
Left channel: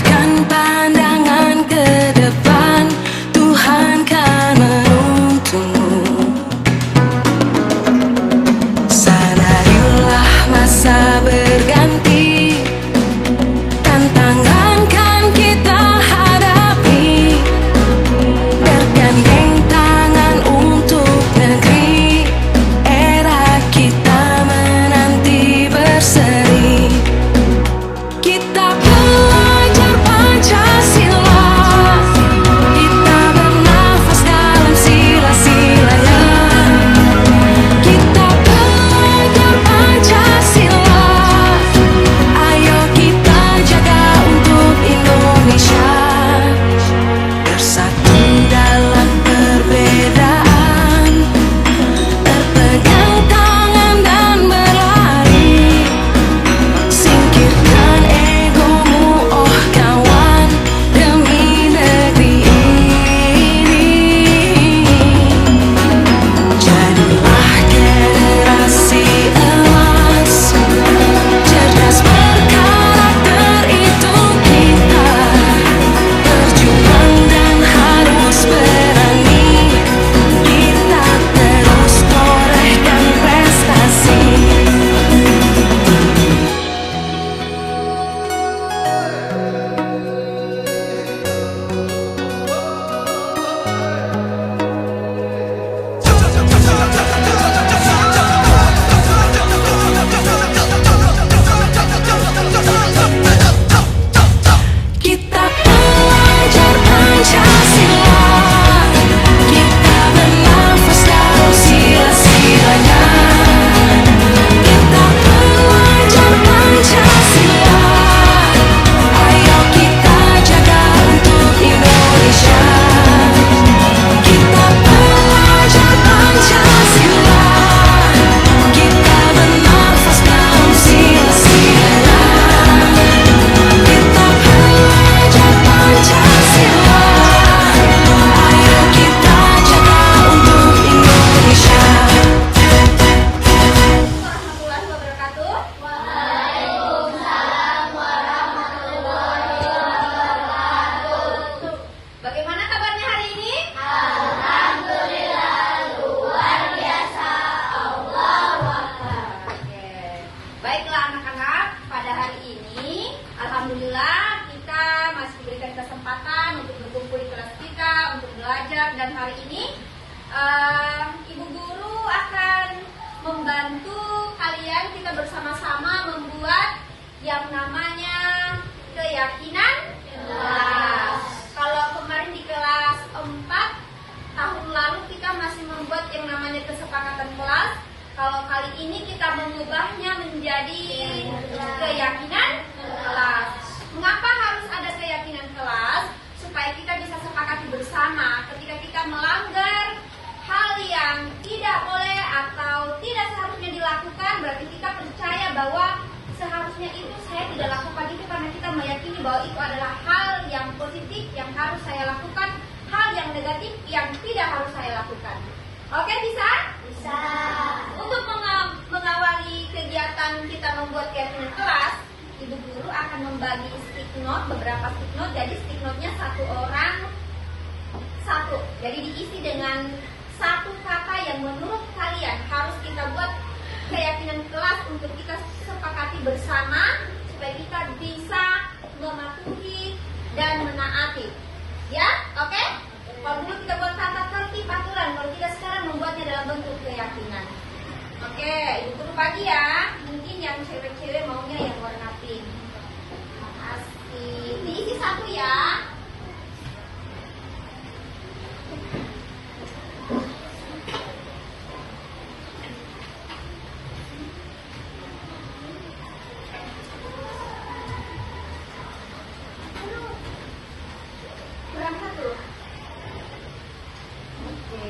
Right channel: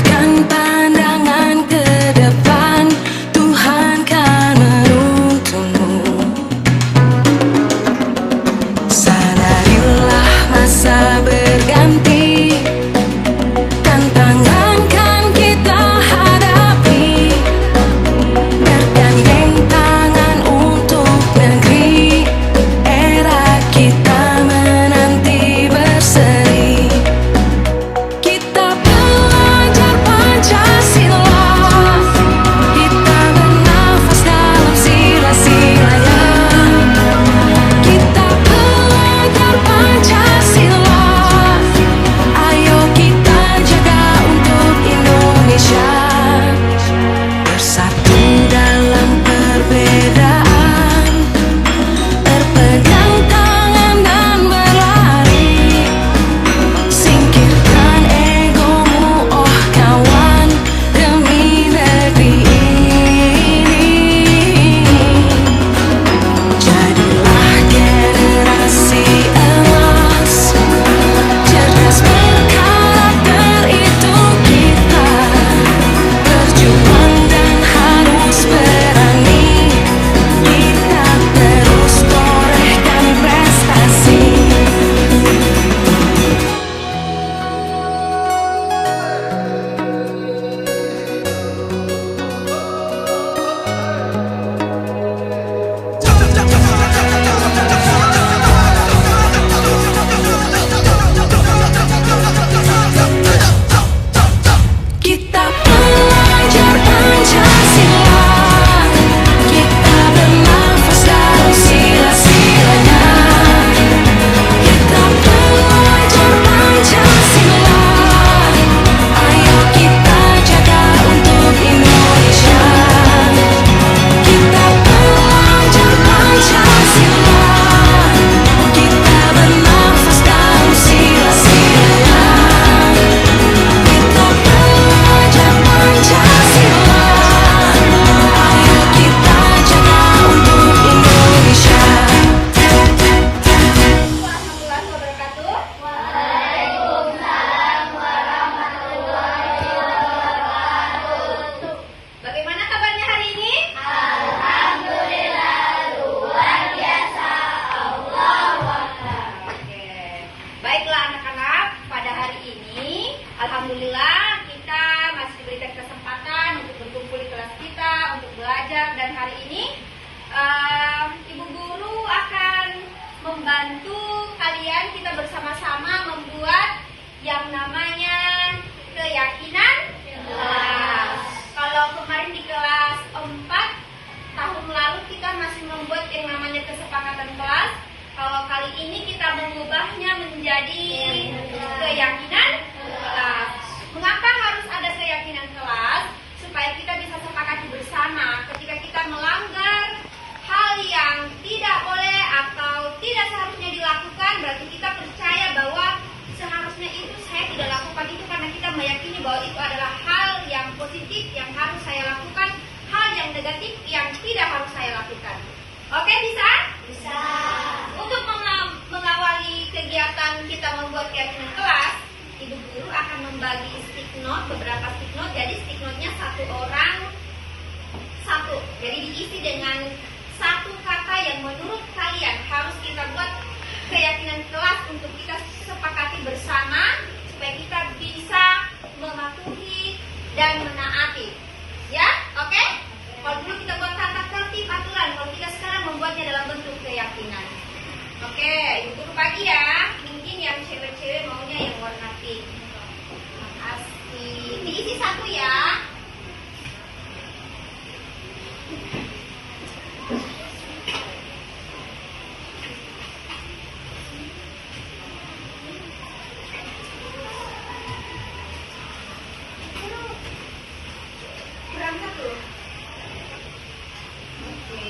Alhamdulillah kita masih diberikan kesempatan untuk berkumpul di kelas kita, untuk belajar, dan hari ini Ibu Guru akan membantu kalian, kita bersama-sama membuat yang namanya keyakinan kelas. Kalau kemarin di kelas 4 tahun lalu kita masih membuat yang namanya kesepakatan kelas, kalau kali ini kita mengubahnya menjadi keyakinan kelas. Mengapa harus ada keyakinan kelas? Supaya kita bisa sepakati bersama ketika kita melanggar hal yang tidak boleh atau tidak seharusnya dilakukan, berarti kita percaya bahwa seharusnya itu saya tidak lakukan itu karena kita meyakini bahwa itu adalah hal yang positif yang harus saya lakukan, hal yang negatif yang tidak harus saya lakukan. Oke, bisa? Bisa. Untuk mengawali kegiatan kita membuat keyakinan kelas, Ibu Guru akan membagi stick note, beberapa stick note. Jadi stick note-nya satu orang satu. Jadi diisi dengan satu kata yang menurut kalian harus kita buat keyakinan kelas untuk kita sepakati bersama supaya kita bisa mematuhi dan menaati. Ya, oke? Kalau dulu kita buat tata tertib aturan, kalau kita sekarang membuatnya dalam bentuk keyakinan. Oke, Ibu Guru bagi ya. Mungkin yang cewek-cewek maunya yang warna pink. Makasih. Diisi satu ya. Berapa tuh? Oke.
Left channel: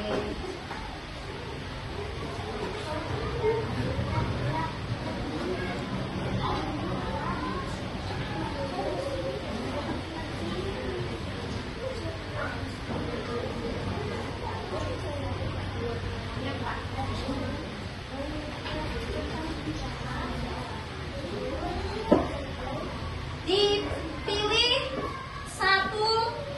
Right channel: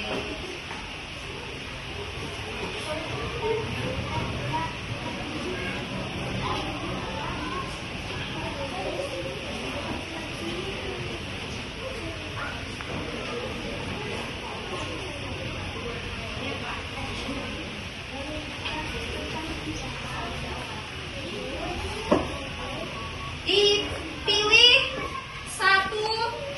Dipilih satu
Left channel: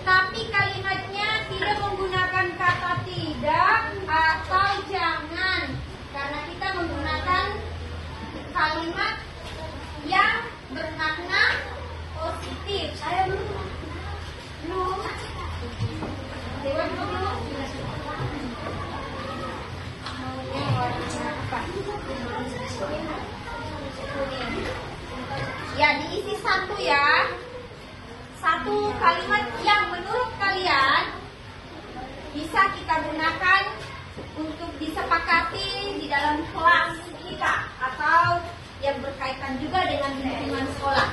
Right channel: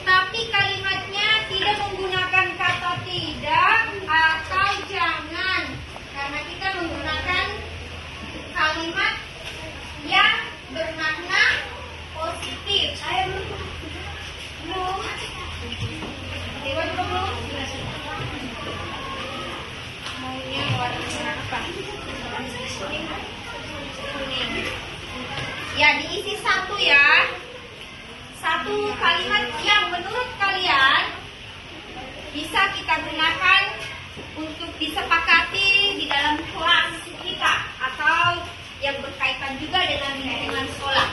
tapi kalimatnya tidak menggunakan kata tidak atau jangan, karena kita menggunakan kalimat yang bermakna positif. Saya belum lewat belum maunya warna apa? Kuning. Ya, diisi satu ya. Satu kalimat yang menurut kalian bisa kita gunakan untuk disepakati di dalam kelas kita atau yang berkaitan juga dengan lingkungan sekolah.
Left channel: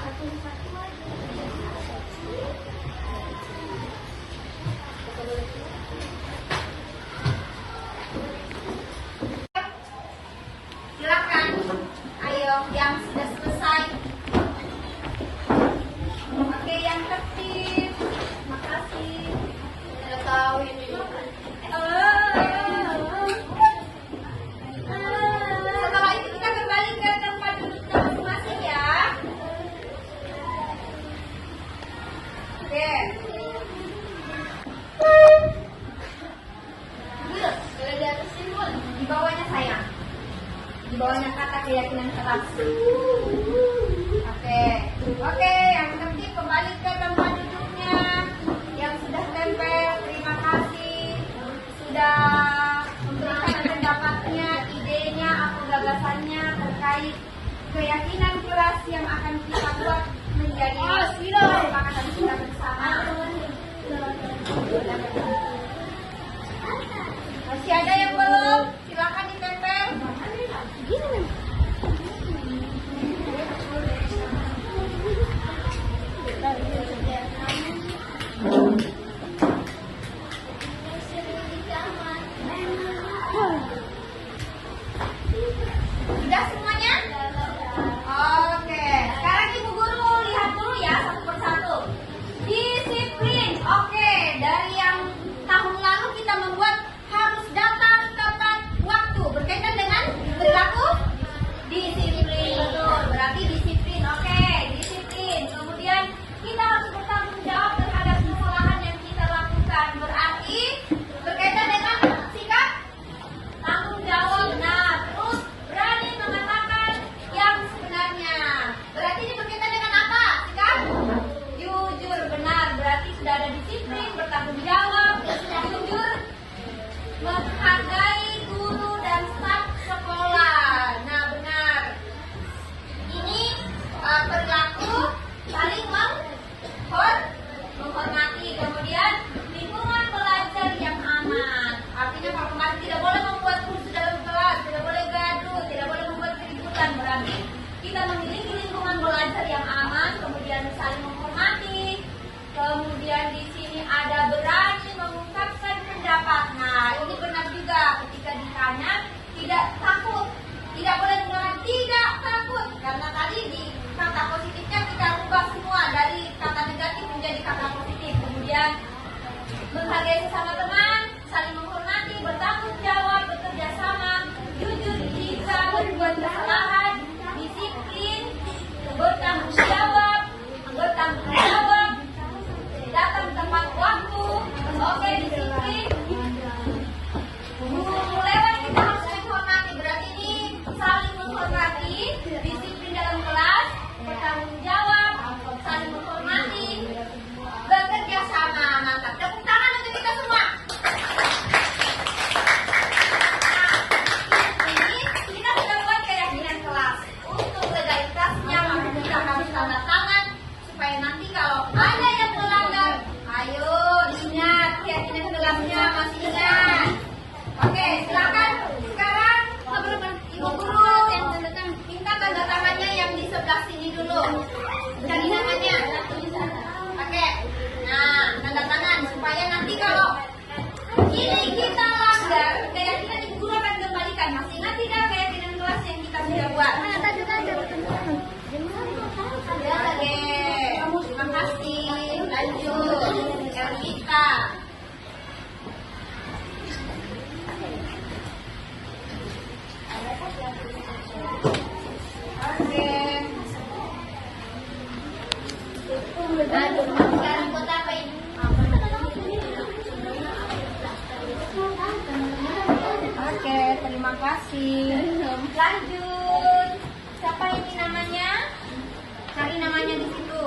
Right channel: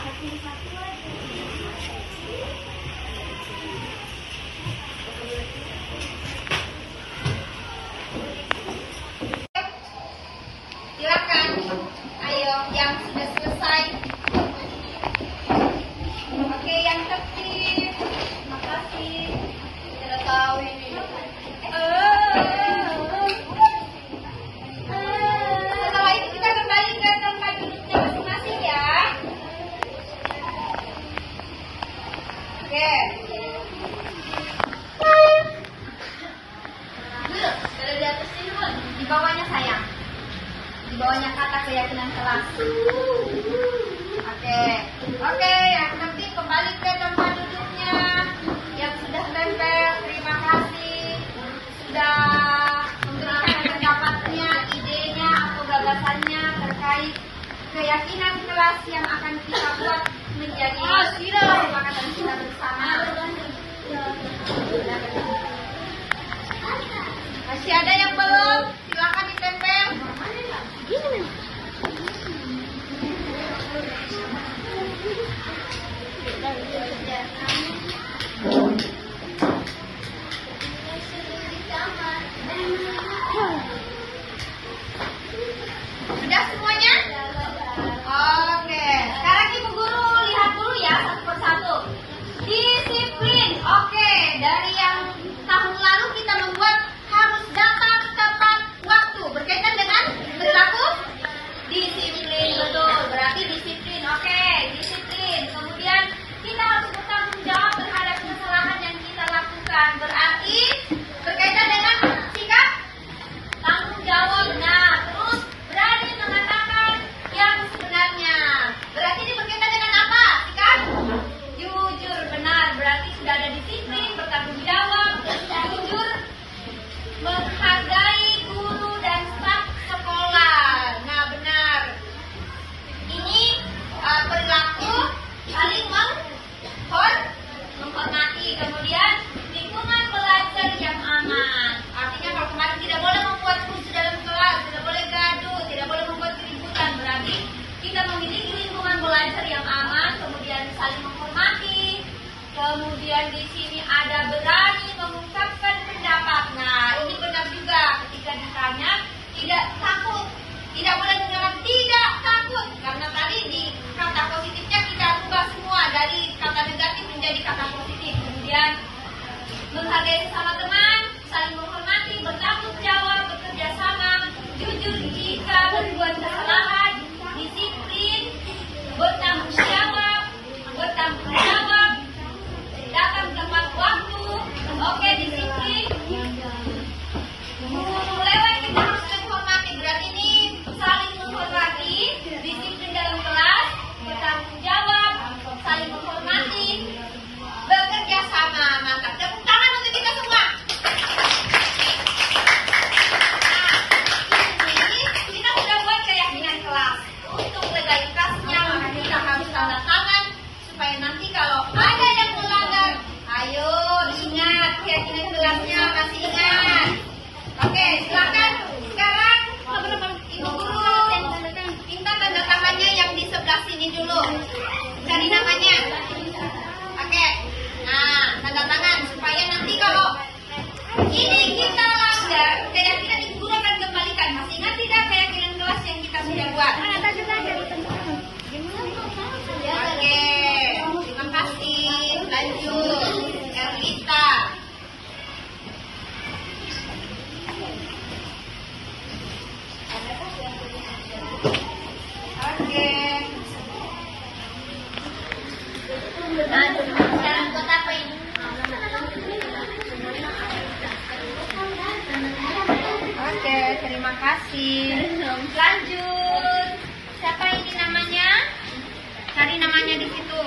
Silakan, ayo yang sudah selesai. Oke, yang tertib. Makasih. Tidak tahu ini. Setelah itu kita kembali ke tempat duduknya masing-masing ya. Oke. Duduk, ada di atas ini dulu. Di bawahnya sayang. Di bawahnya kata keyakinan kelas. Oke, yang penting kembali ke tempat duduknya. Yang sudah tempel, terima kasih sudah memberikan pendapatnya, idenya atau gagasannya terkait keyakinan kelas yang akan kita buat menjadi kesepakatan kita bersama. Masih ada yang belum? Silakan ditempel. Sudah semuanya? Oke. Sekarang Ibu Guru lihat dulu ya menghargai sesama teman, saling menghormati, bertanggung jawab, bekerja sama, jujur jika berbuat kesalahan, disiplin, bertanggung jawab, datang tepat waktu, oke, disiplin. Lewat kita harus menghormati, berarti ini saling menghormati, disiplin dalam kelas, bertanggung jawab, saling menghormati, bekerja sama. Mantap, tepuk tangan untuk kita semua. Nah, ini kita sudah buat keyakinan kelas. Untuk legalitasnya maka kita harus tanda tangan supaya nanti kalau ada yang melanggar, ayo ingat keyakinan kelasnya, masih ingat. Oke, silakan sekarang teman-teman ibu guru minta tanda tangannya yang di sebelah sini dulu. Cari namanya. Oke, nah tanda tangan supaya nanti kalau ini kita langgar, keyakinan ibu guru akan kembalikan. Masih ingat tidak keyakinan kelas yang kita sudah buat? Oke, terima kasih. Lanjut, Erlita. Oke. Lanjut, sekarang buat apa ini? Oke, terima kasih. Lanjut. Siapa ini namanya? Cari namanya di situ.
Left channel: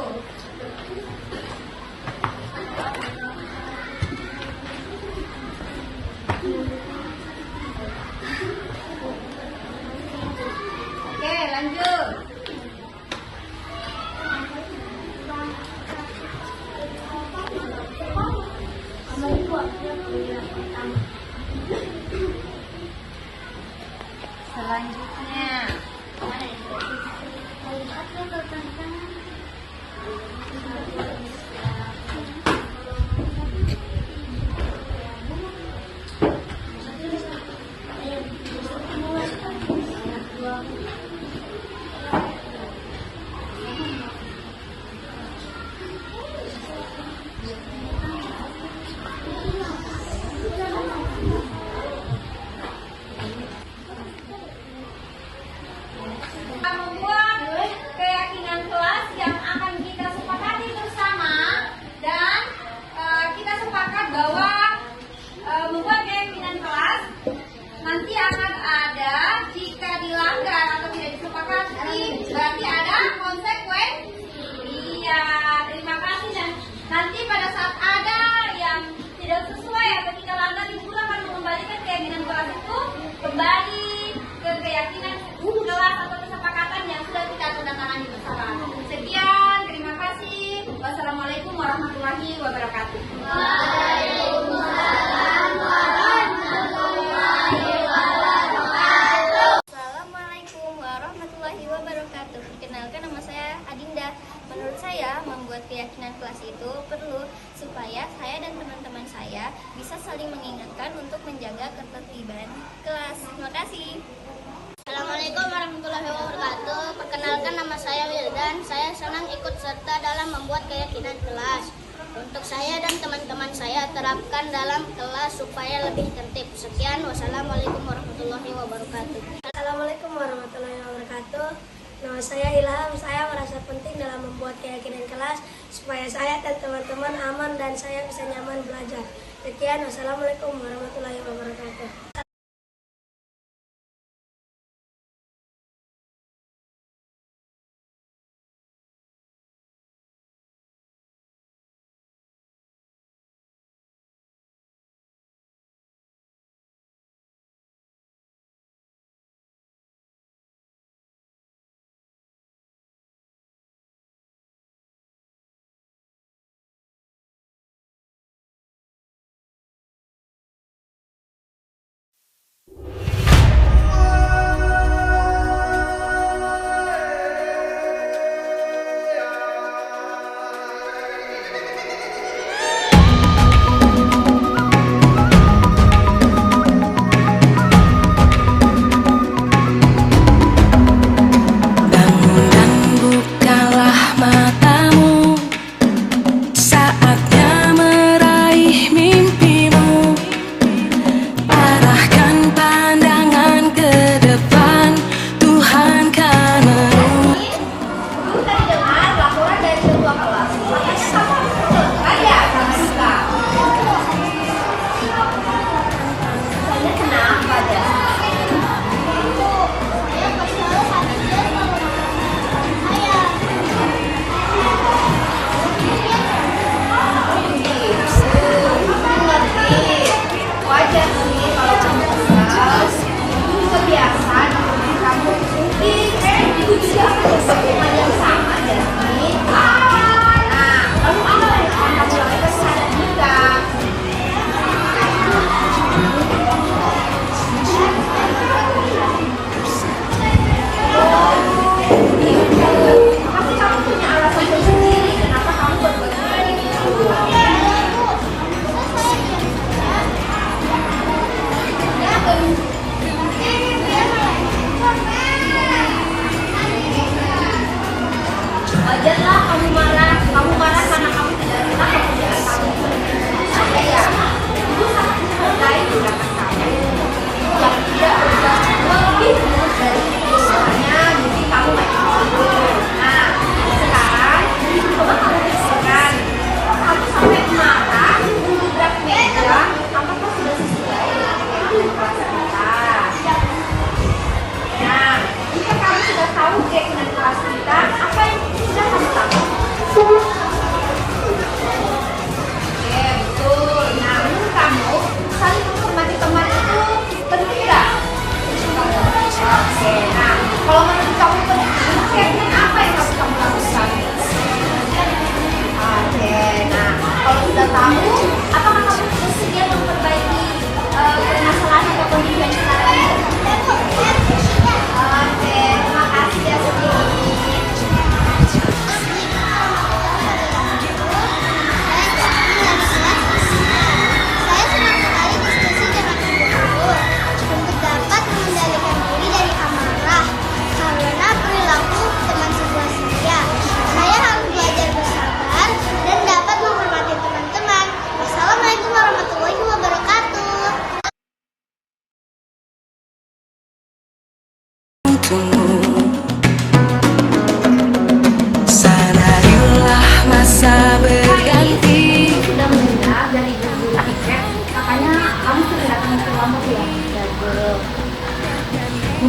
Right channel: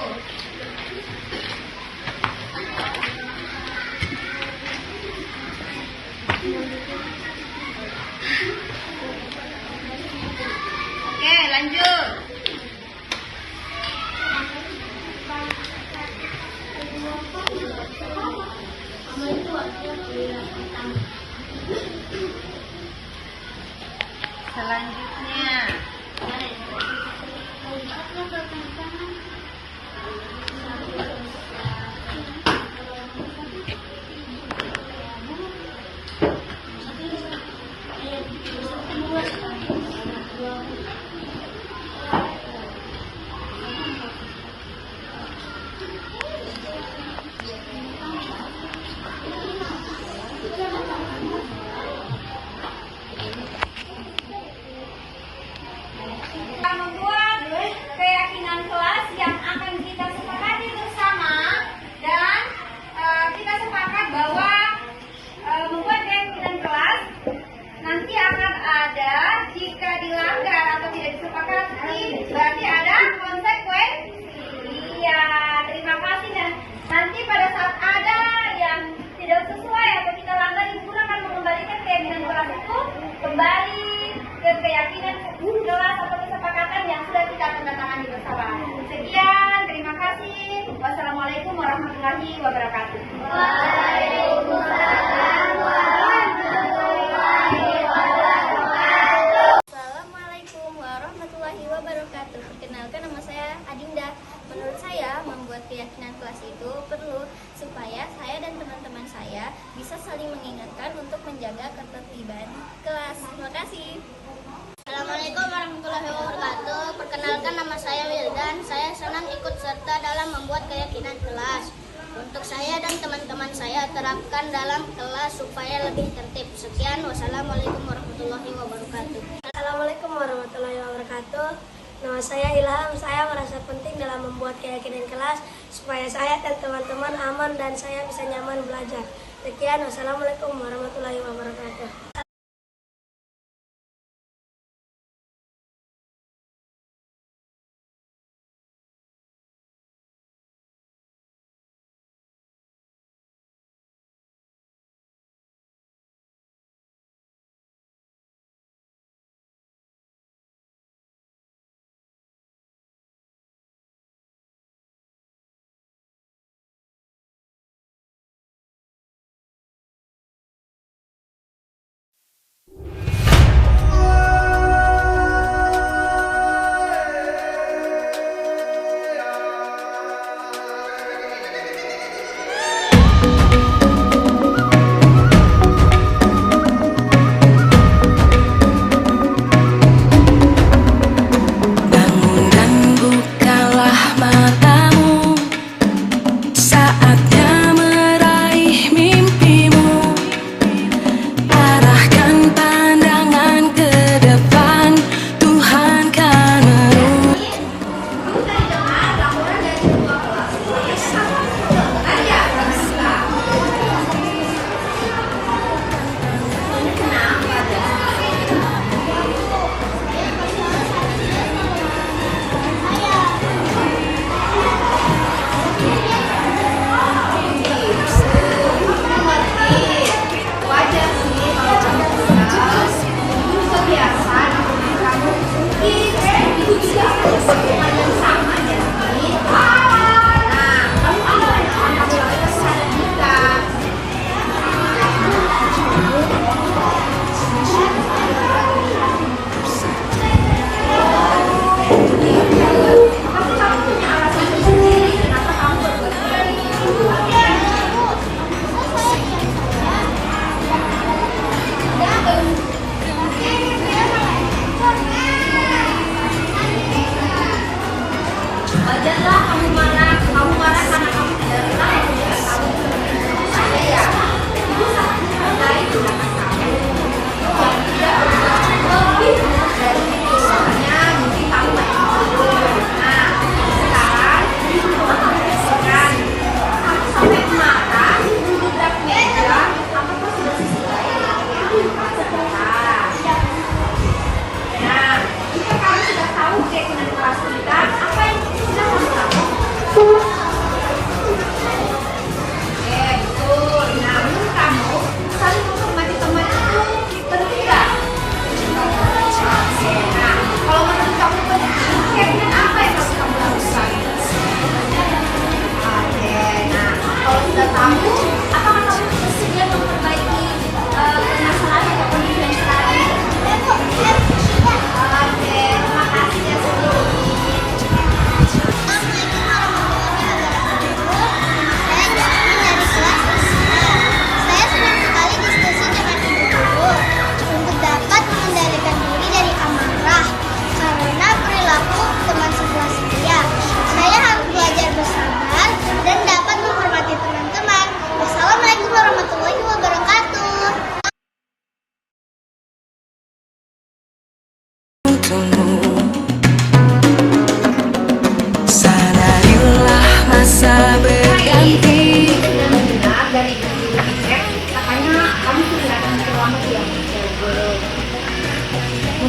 Oke, lanjut. Selanjutnya. Kita membuat keyakinan kelas yang akan kita sepakati bersama dan kita sepakat bahwa membuat keyakinan kelas nanti akan ada jika dilanggar atau tidak disepakati berarti ada konsekuensi. Iya, terima kasih dan nanti pada saat ada yang tidak sesuai atau kita langgar ibu akan mengembalikan keyakinan kelas itu kembali ke keyakinan kelas atau kesepakatan yang sudah kita tanda tangani bersama. Sekian, terima kasih. Wassalamualaikum warahmatullahi wabarakatuh. Assalamualaikum warahmatullahi wabarakatuh. Perkenalkan, nama saya Adinda. Menurut saya, membuat keyakinan kelas itu perlu supaya saya dan teman-teman saya bisa saling mengingatkan untuk menjaga ketertiban kelas. Terima kasih. Assalamualaikum warahmatullahi wabarakatuh. Perkenalkan, nama saya Wildan. Saya senang ikut serta dalam membuat keyakinan kelas. Untuk saya dan teman-teman saya terapkan dalam kelas supaya lebih tertib. Sekian, wassalamualaikum warahmatullahi wabarakatuh. Assalamualaikum warahmatullahi wabarakatuh. Nama saya Ilham. Saya merasa penting dalam membuat keyakinan kelas supaya saya dan teman-teman aman dan saya bisa nyaman belajar. Sekian, wassalamualaikum warahmatullahi wabarakatuh.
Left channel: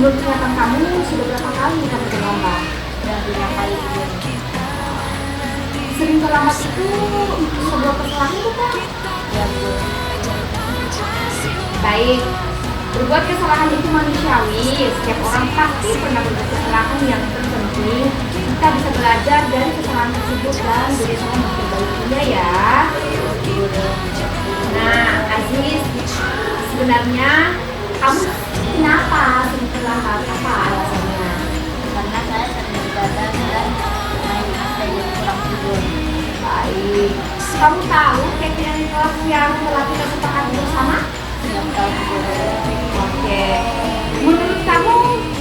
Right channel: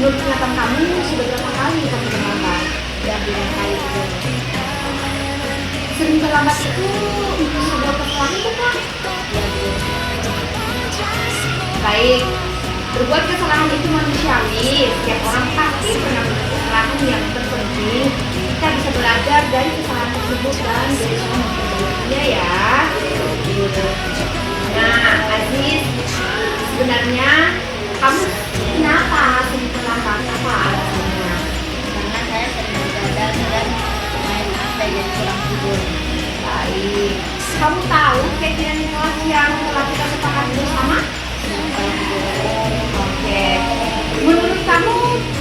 menurut penglihatan kamu sudah berapa kali kamu terlambat? Dan 5 kali Bu Guru. Sering terlambat itu sebuah kesalahan bukan? Ya Bu Guru. Baik, berbuat kesalahan itu manusiawi. Setiap orang pasti pernah berbuat kesalahan. Yang terpenting kita bisa belajar dari kesalahan tersebut dan berusaha memperbaikinya ya. Nah, Aziz, sebenarnya kamu kenapa sering terlambat? Apa alasannya? Karena saya sering gagal dan naik jadi kurang tidur. Baik, kamu tahu keyakinan kelas yang telah kita sepakati bersama? Tahu Bu Guru. Oke, menurut kamu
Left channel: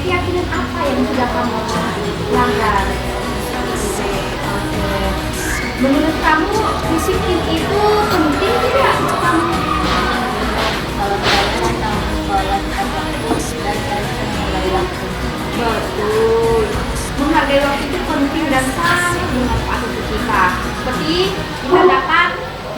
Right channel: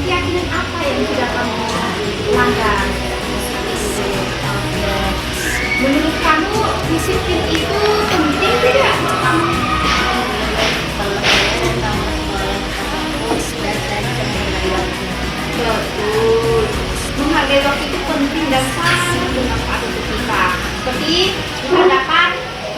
keyakinan apa yang sudah kamu langgar? Oke, menurut kamu disiplin itu penting tidak untuk kamu? Kalau saya datang sholat tepat waktu dan saya bisa menghargai waktu. Betul, menghargai waktu itu penting dan sangat bermanfaat untuk kita. Seperti kita dapat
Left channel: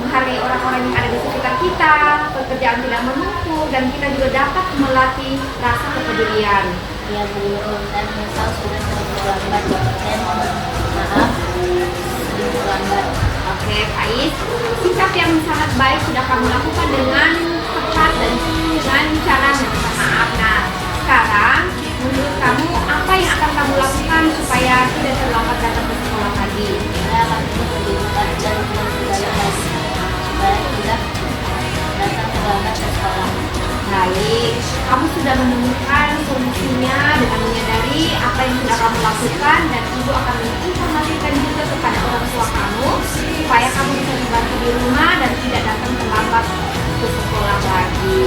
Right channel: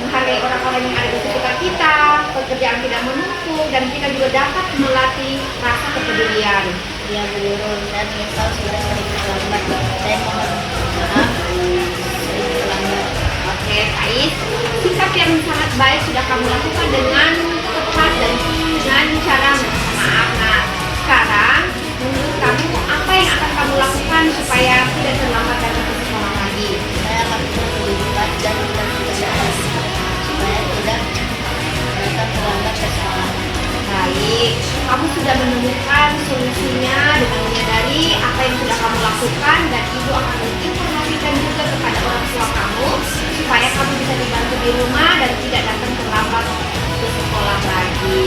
menghargai orang-orang yang ada di sekitar kita, pekerjaan tidak menumpuk, dan kita juga dapat melatih rasa kepedulian. Ya Bu Guru, saya menyesal sudah sering terlambat. Saya mohon maaf sering terlambat. Oke, Faiz, sikap yang sangat baik sudah kamu lakukan dengan tepat dan dengan cara meminta maaf. Nah, sekarang menurut kamu apa yang akan kamu lakukan supaya tidak terlambat datang ke sekolah lagi? Saya akan terus lebih cepat dan tidak terlalu lagi supaya tidak datang terlambat ke sekolah. Baik, kamu sudah menemukan solusinya dengan menyadari apa yang sudah kamu lakukan, dan ibu akan menginformasikan juga kepada orang tua kamu supaya kamu bisa dibantu di rumah dan tidak datang terlambat ke sekolah lagi.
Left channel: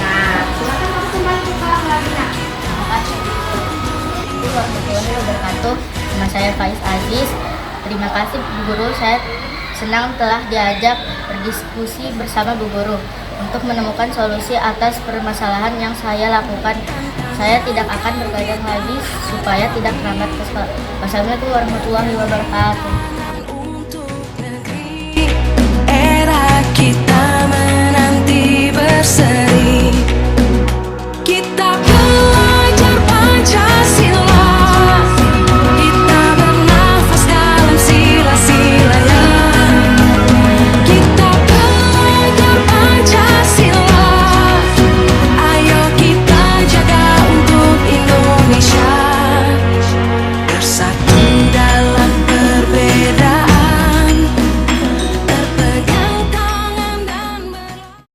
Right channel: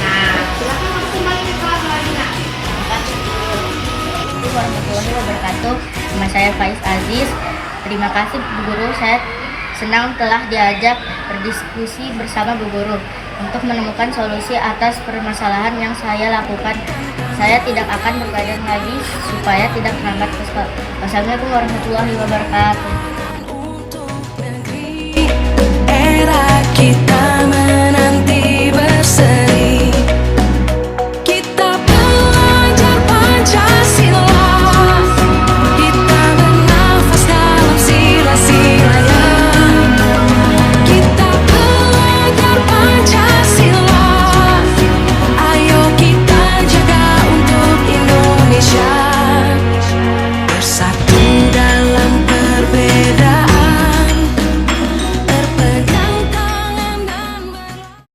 Nah, silakan kamu kembali ke kelas lagi, nak. Assalamualaikum warahmatullahi wabarakatuh. Nama saya Faiz Aziz. Terima kasih Bu Guru, saya senang telah diajak berdiskusi bersama Bu Guru untuk menemukan solusi atas permasalahan yang saya lakukan. Saya tidak akan bergadang lagi supaya tidak terlambat ke sekolah. Wassalamualaikum warahmatullahi wabarakatuh.